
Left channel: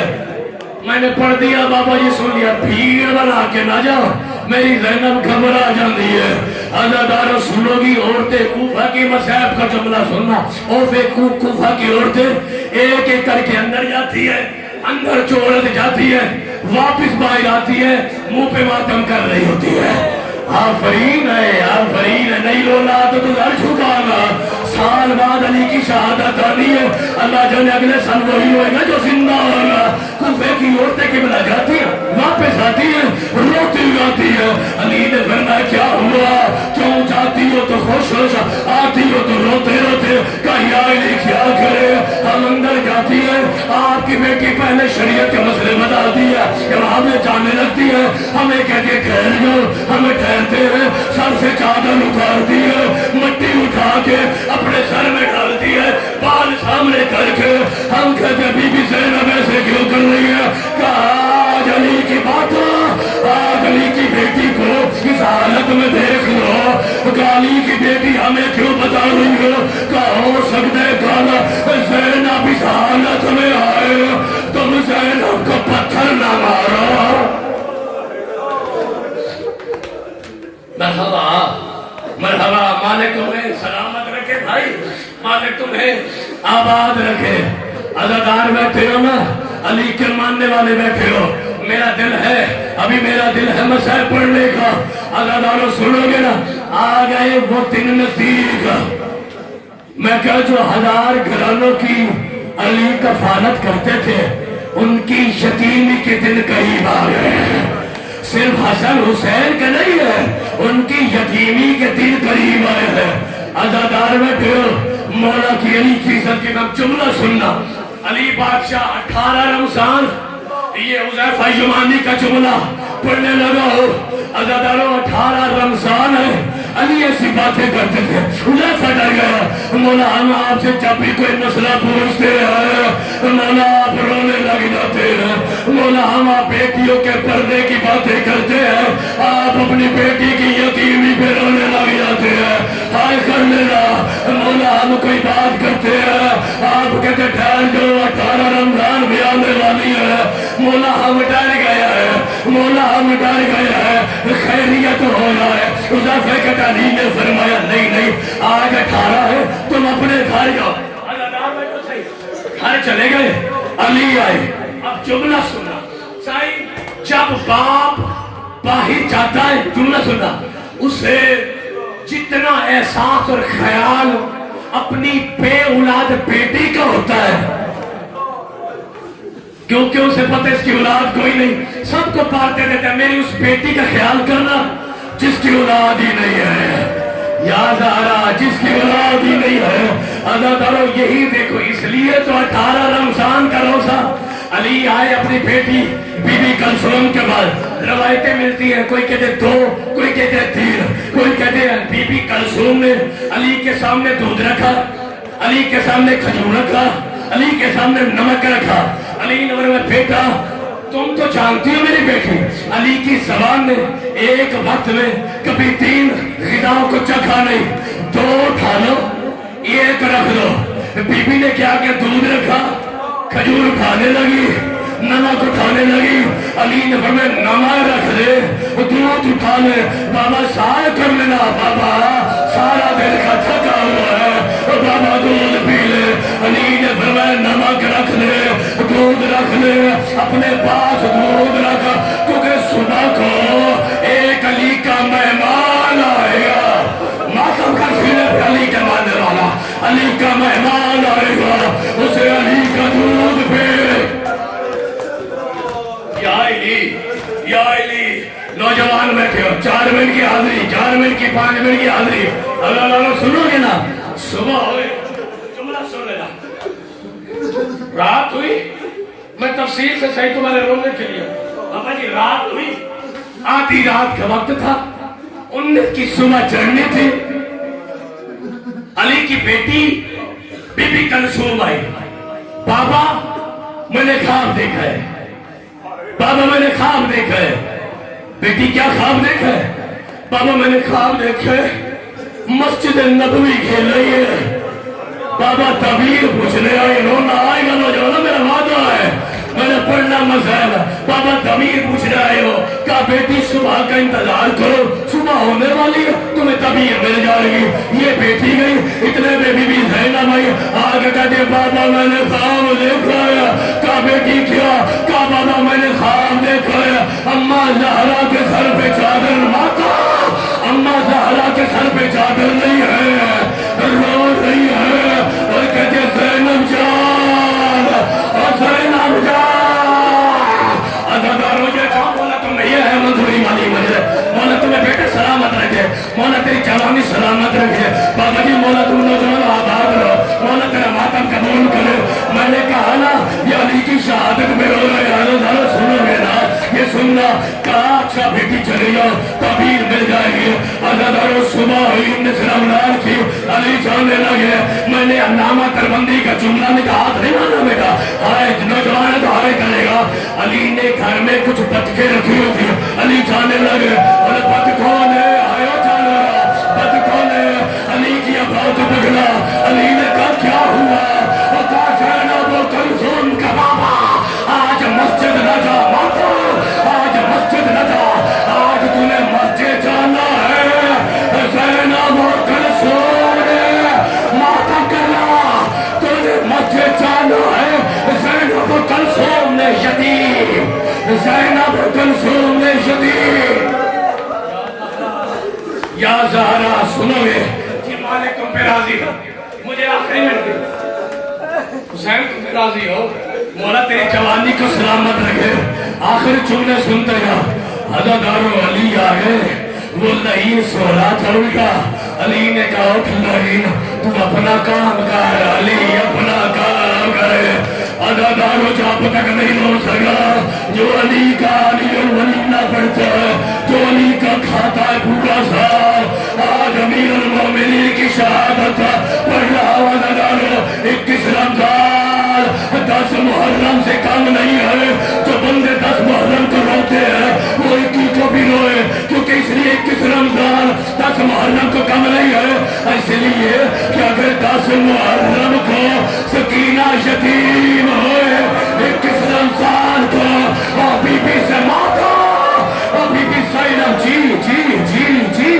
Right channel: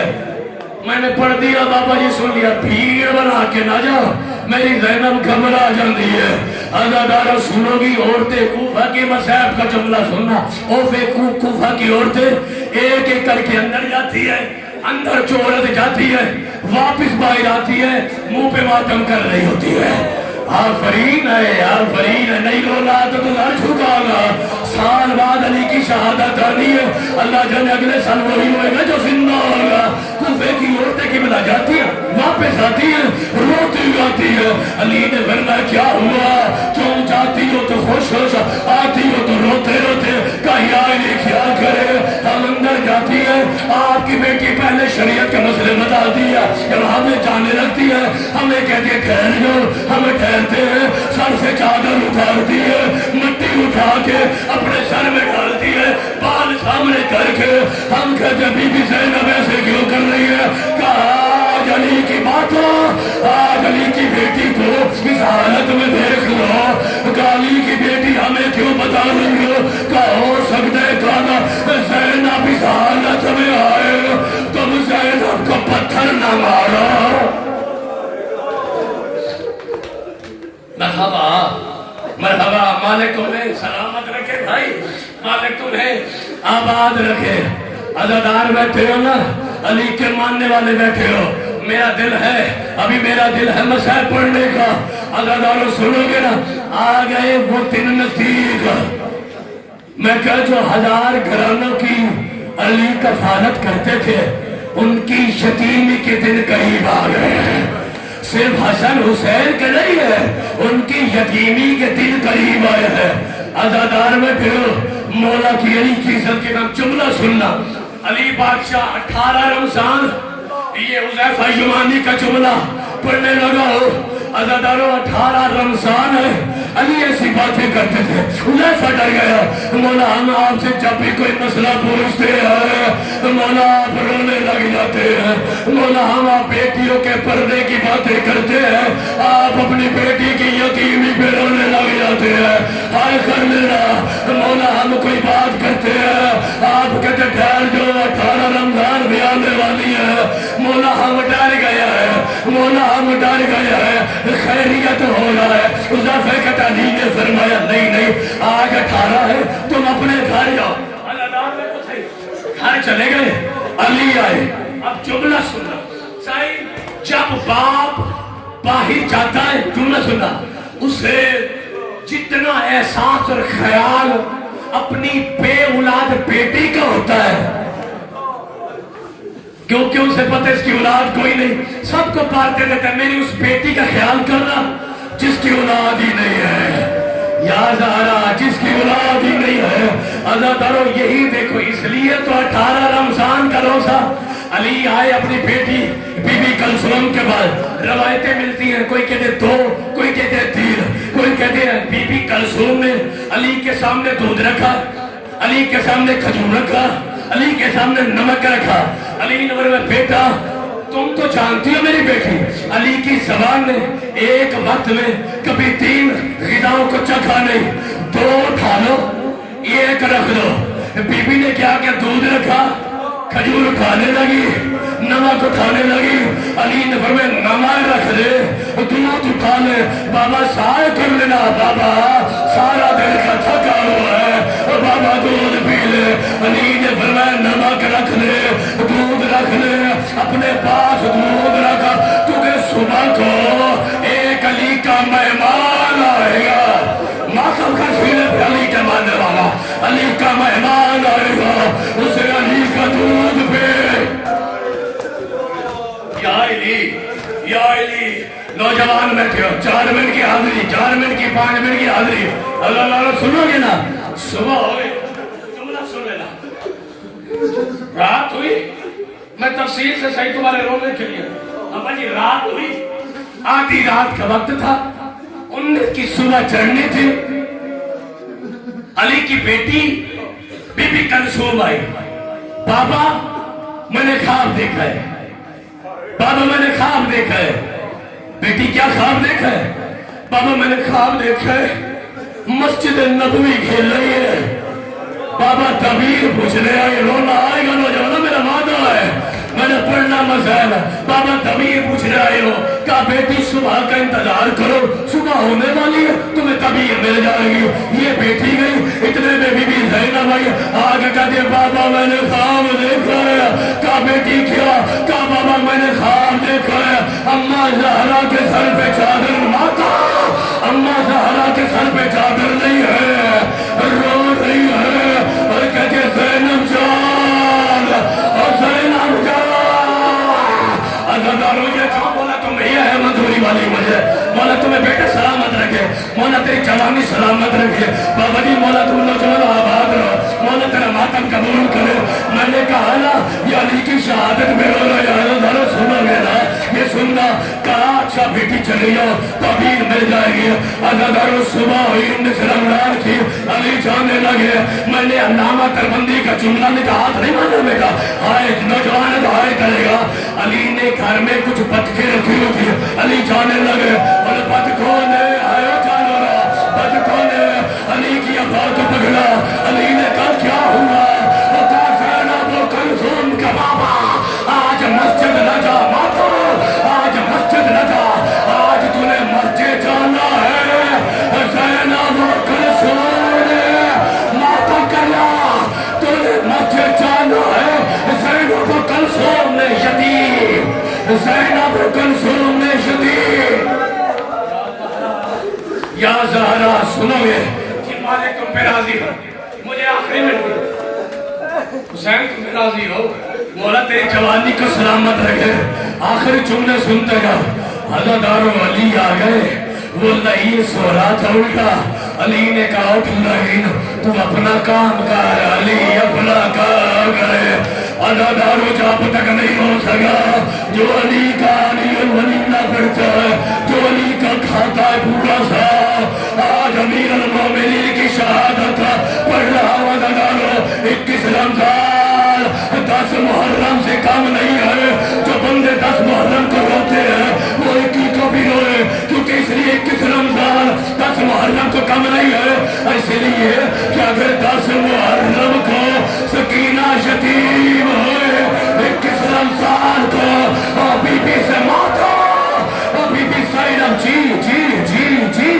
میں نے پڑھ دیا بابا جی سن لیا، بھیڑ بنا کے نہ جاؤ، میری زینب گھبرا جاتی ہے۔ عزادارو سنو گی عورتیں کوفہ کی مصائب کا جملہ سننا، کوفہ کی عورتیں ایک ایک کر کے اندر جاتی ہے، اندر جو عورت جاتی ہے واپس باہر آتی ہے، منہ پہ ماتم کر رہی ہوتی ہے، آفرین ہے نہیں رونا تو گھر جھکاؤں گا۔ سال بعد علی کی شہادت آنی ہے، اللہ جانے اگلے سال وہی ہوئے گا جو زندہ ہوگا۔ کوفے کی عورتیں قبلہ جاتی ہے، واپس آتی ہے، روتی گاتی ہے۔ علی نے فرمایا کیا ہوا، کیوں جاتی ہو تو خوش ہو، آتی ہو تو روتے روتے، کہا علی کیا کرے، ہم اندر جاتی ہے، آپ کی بیٹی پہلے شریعت کے مسئلے بتا دیا، جب ہمیں جانے لگتی ہے ہمیں کہتے ہیں ٹھہر جاؤ، ہمیں ٹھہرتے ہیں، سر سے چادر اتارتی ہے، مٹی اٹھا کے اپنے سر میں ڈالتی ہے، بال سامنے کر کے ہم کہتے ہیں بی بی زینب ایسے کیوں کر رہی ہے، کہا آج علی کی بات ہو، آج علی کی بیٹی کو اس حالت میں دیکھ لو، کہ علی کی بیٹی ہمیں کیوں بتا رہی ہو، کہ ہو سکتا ہے کہنا زینب اس حالت میں آئے، تم زینب کو پتھر نہ مارو۔ مرحبا مالک تمہیں سلامت رکھے بھائی، مالک تمہیں آباد رکھے۔ عزادار بیٹھے ہو نا، علی کے ماننے والے بیٹھے ہو، میرا دل ہے، ابھی میرا دل ہے مسائل پڑھنے کا، عزاداروں سنو گے نا، آ گئے وہ دن نزدیک، میں کہا جو 1000 گھرانوں کی علی کفالت کرتے تھے، ان کی یتیمی کے دن قریب آ گئے ہیں. صرف حسن حسین کا نہیں ہے، ان کی یتیمی کے دن قریب آئے ہیں. عزادار میں پھر مولا کی علی کی عزت کے نام جملہ سننا. علی بادشاہ 18 رمضان، یہ حذیفہ یمانی کا جملہ پڑھنے لگا ہو. عزاداروں 18 رمضان ہے. علی ایسی باتیں کرتے تھے، حذیفہ ڈر گیا. مولا ہم آپ سے جب بھی کوئی مسئلہ پوچھتے ہیں مولا آپ رونے لگ جاتے ہیں. مولا ہم آپ بیٹیوں کے پردے کی باتیں کرتے ہیں، آپ اپنی بیٹی کی یتیمی پہ رونے لگ جاتے ہیں. ہائے کر لینا مولا، ہم کوئی بات کرتے ہیں آپ کہتے ٹھہر جو 18 رمضان بھی آنے والی ہے. مولا ہم ڈر گیا ہے، مولا ہم ڈر گیا ہے، خیریت ہو رہا ہے. حذیفہ کے تعلیم نے فرمایا نہیں نہیں، آج 18 ہے، تم اپنے گھر جاؤ. گھر چلے گئے. علی آئے. اب جملہ سننا صحیح، جب باپ باہر جاتا ہے جملہ سننا، اسے جتنا احساس اور خیال اپنی بے اولاد بیٹی کا ہوتا ہے، کیونکہ اسے پتہ ہے اس کی اولاد کوئی نہیں، سب کو پالتے رہتا ہے. میری اس بیٹی کا خیال کرنا جس کی اولاد ہی نہیں ہے. یا زہرا جس کی اولاد ہی نہیں ہے. عزاداروں یہی دیکھو، اس لیے تو 18 رمضان کا روزہ. علی آئے اپنی بیٹی بی بی کلثوم کے بعد. روایتیں ملتی ہیں، کوئی کہتے 2، کوئی کہتے 3، کوئی کہتے ہیں بی بی کلثوم نے علی کے سامنے دودھ رکھا، علی کے سامنے کھجور رکھا، علی کے سامنے نمک رکھا. علی نے فرمایا بیٹا تم تو جانتی ہو میری بیٹی. علی کی زبان نے ایک وقت میں کبھی 3 غذاؤں کو چکھا نہیں، 2 اٹھا لو 1 رکھ لو. بی بی نے کیا کہ دودھ رکھا، کھجور اٹھانے لگی، نمک اٹھانے لگی. علی نے فرمایا نمک رکھ لے، دودھ اٹھا لے. بابا سائے کر لینا، بابا سارا دل کا تھکا ہوا ہے، بابا دودھ پی لے. علی نے فرمایا نمک رکھ لے، دودھ رکھ لے، اپنے پاس دودھ رکھ، کیونکہ صبح کو ایک علی کا مہمان آئے گا. ماتم کا سینے علی کے ماننے والا، علی کا مہمان آئے گا، اسے علی کا دودھ پہ. یا علی یا علی. نوجوان بیٹھے ہو، 4 منٹ کی حاضری، 4 منٹ کی 5 منٹ کی حاضری. اللہ اللہ سنو گے نا، صبح ہوئے جملہ سن لینا. رات ہوئی، میں تفصیل سے صحیح تمہارے رونے کے لیے. بابا جی رات ہوئی، آدھی رات کا وقت تھا، 19 کی صبح چڑھنی تھی. علی کی بیٹی بی بی کلثوم آئی. بابا میں نے خواب دیکھا ہے، بابا میں نے خواب دیکھا ہے. بیٹی کیا خواب دیکھا ہے؟ بابا میں نے خواب دیکھا ہے مسجد نبوی کھیل رہی ہے. بابا تعبیر پوچھنے آئے، رونا آئے گا نوجوان، میرا وعدہ ہے، میں نے پڑھنا مسائل. بابا تعبیر پوچھنے آئے ہو، کہا بیٹی صبح کا انتظار کرو، صبح ہونے والی ہے، تمہیں تعبیر مل جائے گی. یہ بیٹی گئی، اتنے میں بی بی زینب آئی، آگے کہتے بابا میں نے خواب دیکھا ہے. کہا بیٹی کیا؟ کہا بابا میں نے خواب دیکھا ہے اماں زہرا کے سر پہ چادر ماتا، اماں زہرا کے سر پہ چادر نہیں ہے، رو رہی ہے اور کہتے زینب جان اور زینب جان. عزاداروں یہ کام بولا تم یہ ہے مدھوری والی وجہ. مولا تمہیں بیٹے سلامت رکھے، مولا تیری جوانی سلامت رکھے. بابا جی مولا تم نوجوان آباد رہو، مولا تیرا ماتم قبول کرے. میں نے کہا نا یہ علی کی شہادت میں رو رہا ہے. سنو گے نا، یہ سننا. کہا اچھا بیٹی چلے جاؤ، تعبیر مل جائے گی. عزاداروں صبح ہوئی، 19 رمضان کی. علی جانے لگے. میں نے علامہ دیوبندی کا جملہ میں کہا ہاتھ نہیں مانا بیٹا، ہائے نوجوان تو ہائے کرے گا. علی نے گھر میں کچھ بتکیں رکھی ہوئی تھی. علی جانے لگے اور بتکوں نے آیا جانے لگا، بتکوں نے علی کی ابا کو پکڑا. علی نے کہا کیا ہوا؟ اور کہا زینب و کلثوم کا بابا آج مسجد نہ جا، ماتا آج مسجد نہ جا، آج تمہیں مسجد جانا ہے. زینب و کلثوم نے ماتا کرنا، تمہیں مسجد جانا ہے. زینب و کلثوم نے یتیم، زینب و کلثوم نے یتیم. یا زہرا سنو گے کہ مالک تم پہ راضی ہو، مجھے آخری منٹ حسین تم پہ راضی ہو. مولا تیری جوانی کو سلامت رکھے. آخر جملے سنتے گا. عزادارو علی آ گئے. وہ لعین سو رہا تھا الٹا. علی نے کہا اٹھ لعین تم اپنا کام کر. علی اپنا کام کرے. عزادارو جب تک نہیں ہو سکا جو علی کا علی الولی نہ پڑتا ہے, جو علی کا کھاتا ہے پورا سا. آج امیر المومنین کی شہادت پڑھ رہا ہوں. عزادارو 21 رمضان 10 محرم سے کم نہیں ہے. جو بندے 10 محرم کو روتے ہیں وہ 21 کو بھی روئے, کیونکہ اس لیے 21 رمضان 10 محرم کو کم نہیں ہے. اس لیے کہ اگر 10 محرم کو سکینہ یتیم ہوئے 21 رمضان کو بی بی سے ماتا بی بی زینب جی جی جی جی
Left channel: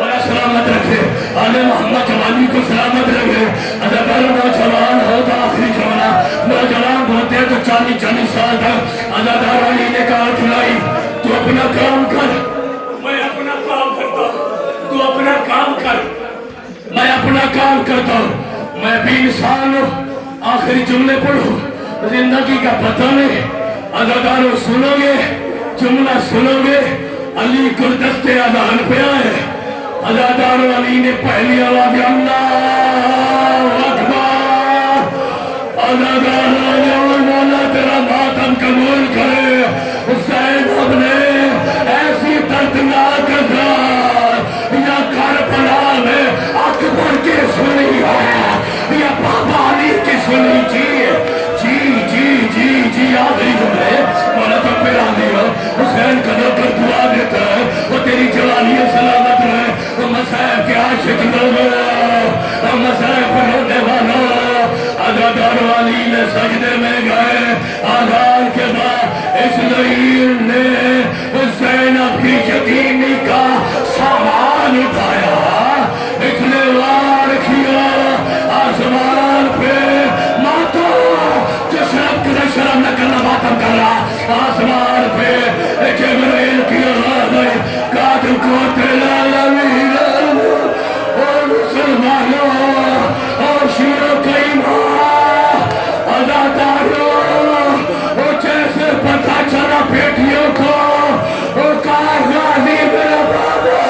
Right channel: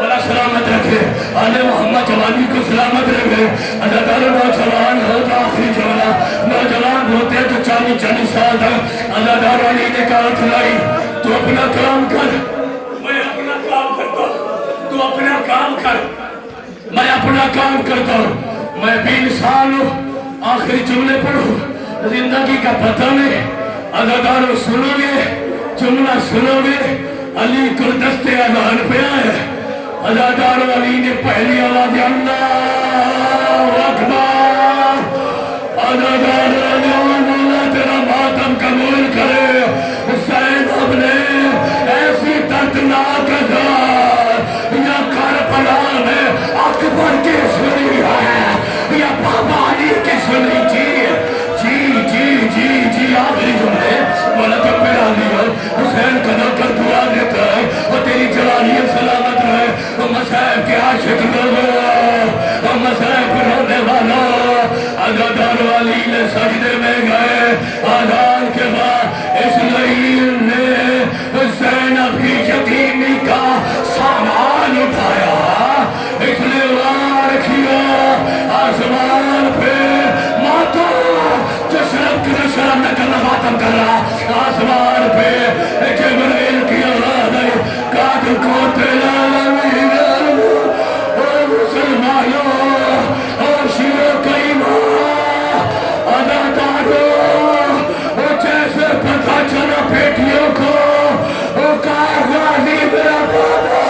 اللہ سلامت رکھے. آل محمد جوانی کو سلامت رکھے. عزادار نوجوان ہوتا آخری جملہ. نوجوان ہوتے ہیں تو 40 سال تک. عزادار علی نے کہا کھلائی تو اپنا کام کر, میں اپنا کام کرتا ہوں. تو اپنا کام کر, میں اپنا کام کرتا ہوں. میں بھی انسان ہوں. آخری جملے پڑھو, زندگی کا پتہ نہیں. عزادارو سنو گے, جملہ سنو گے. علی گلدست اذان پہ آئے. عزادارو علی نے پہلی آواز اللہ اکبر. عزادارو اللہ تیرا ماتم قبول کرے. زینب نے ایسی دردناک ذات یا کربلا میں اکبر کی سنی ہے یا بابا علی کی سنی. جی جی جی جی جی آخری جملے مولا تو پھر آ دیا. حسین قدر کر دعا دیتا ہے اور تیری جوانی سلامت رہے. وہ مسائب کے عاشق لوگوں, مسائب پر ہونے والا. عزادار علی نے سجدے میں گئے. آزاد کے بعد اس لعین نے زینب کی یتیمی کا سامان اٹھایا. اس نے وار کیا آسمان پہ ماتا جو شرم نہ کرنا ماتم کر رہا. آسمان پہ جبرائیل کی آواز آئی قاتل کو تیرا العالمین اور مسلمانوں اور شیعوں کا ایمان. عزادارو جیسے پتہ چلا بیٹیوں کو وہ کہا غازی میرا بابا,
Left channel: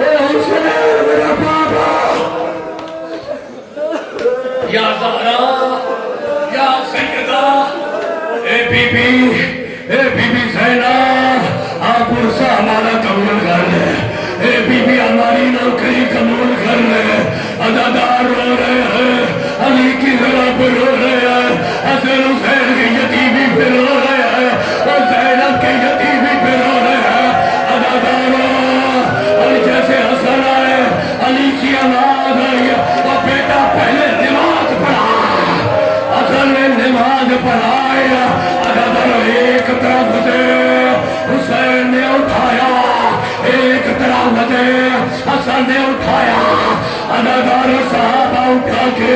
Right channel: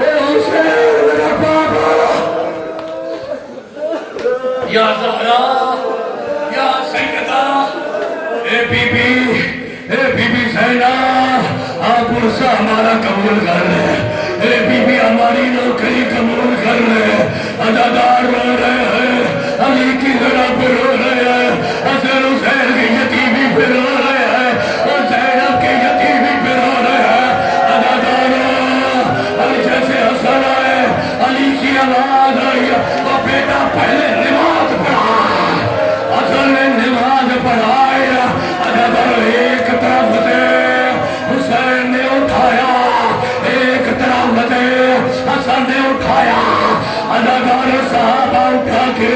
حسین میرا بابا. یا زہرا یا سیدہ اے بی بی زینب آپ عرصہ ہمارا قبول کر لے. اے بی بی ہماری نوکری قبول کر لے. عزادار رو رہے ہیں, علی کی ذرا پہ رو رہے ہیں, حسن حسین کی یتیمی پہ رو رہے ہیں اور زینب کے یتیمی پہ رو رہے ہیں. عزادارو اور جیسے حسن آئے علی کی آواز آئی اور بیٹا پہلے نماز پڑھا. حسن نے نماز پڑھائی. عزادارو ایک طرف سے حسین نے اٹھایا, ایک طرف سے حسن نے اٹھایا. عزادارو صحابہ اٹھا کے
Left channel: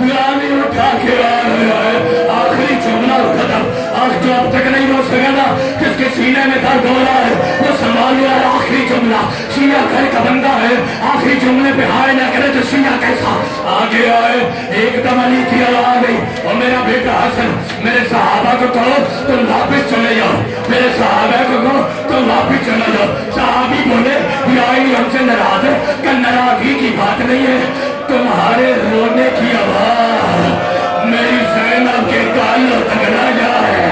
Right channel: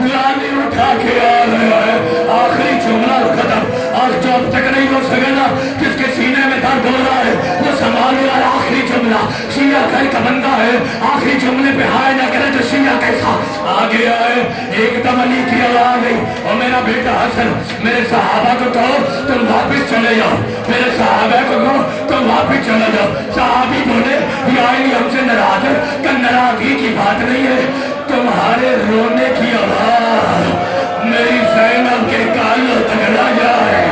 غازی اٹھا کے آ رہے ہیں. آخری جملہ ختم. آج جو اب تک نہیں ہو سکا نا, کس کے سینے میں درد ہو رہا ہے وہ سنبھالے. آخری جملہ شیعہ گھر کا بندہ ہے, آخری جملے پہ ہائے نہ کرے تو شیعہ کیسا. آگے آئے ایک دم علی کی آواز گئی اور میرا بیٹا حسن میرے صحابہ کو کہو تم واپس چلے جاؤ. میرے صحابہ کو کہو تم واپس چلے جاؤ. صحابی بولے یا علی ہم سے ناراض ہے. کہ ناراضگی کی بات نہیں ہے, تمہارے رونے کی آواز میری زینب کے کانوں تک نہ جائے.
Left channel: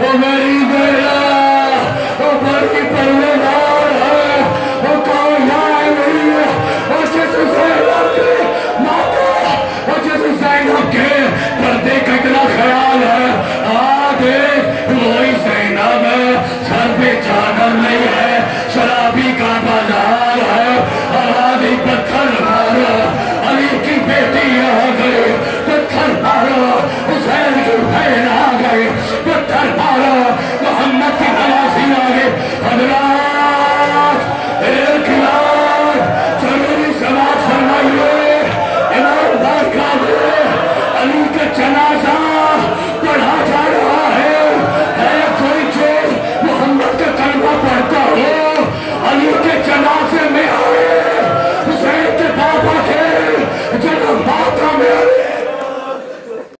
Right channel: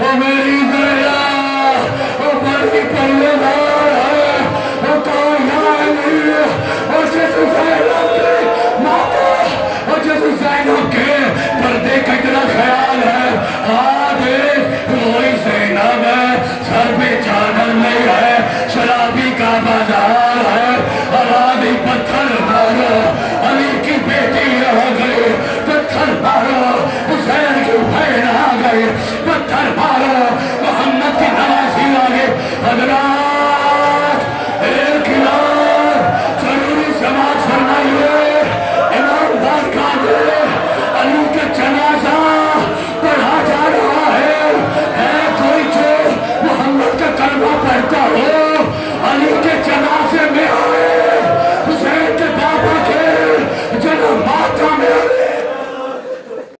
وہ میری زینب وہ بڑی پروردگار ہے. وہ کامیاب نہیں ہے. وہ جس زینب کی ماتا وہ جس زینب کے پردے کا اتنا خیال ہے. وہی زینب ہے, سر پہ چادر نہیں ہے, شرابی کا بازار ہے. اور آدھی پتھر مارو, علی کی بیٹی آ گئی, پتھر مارو. حسین کی بہن آ گئی, پتھر مارو. محمد کی نوازی آ گئی. حضرات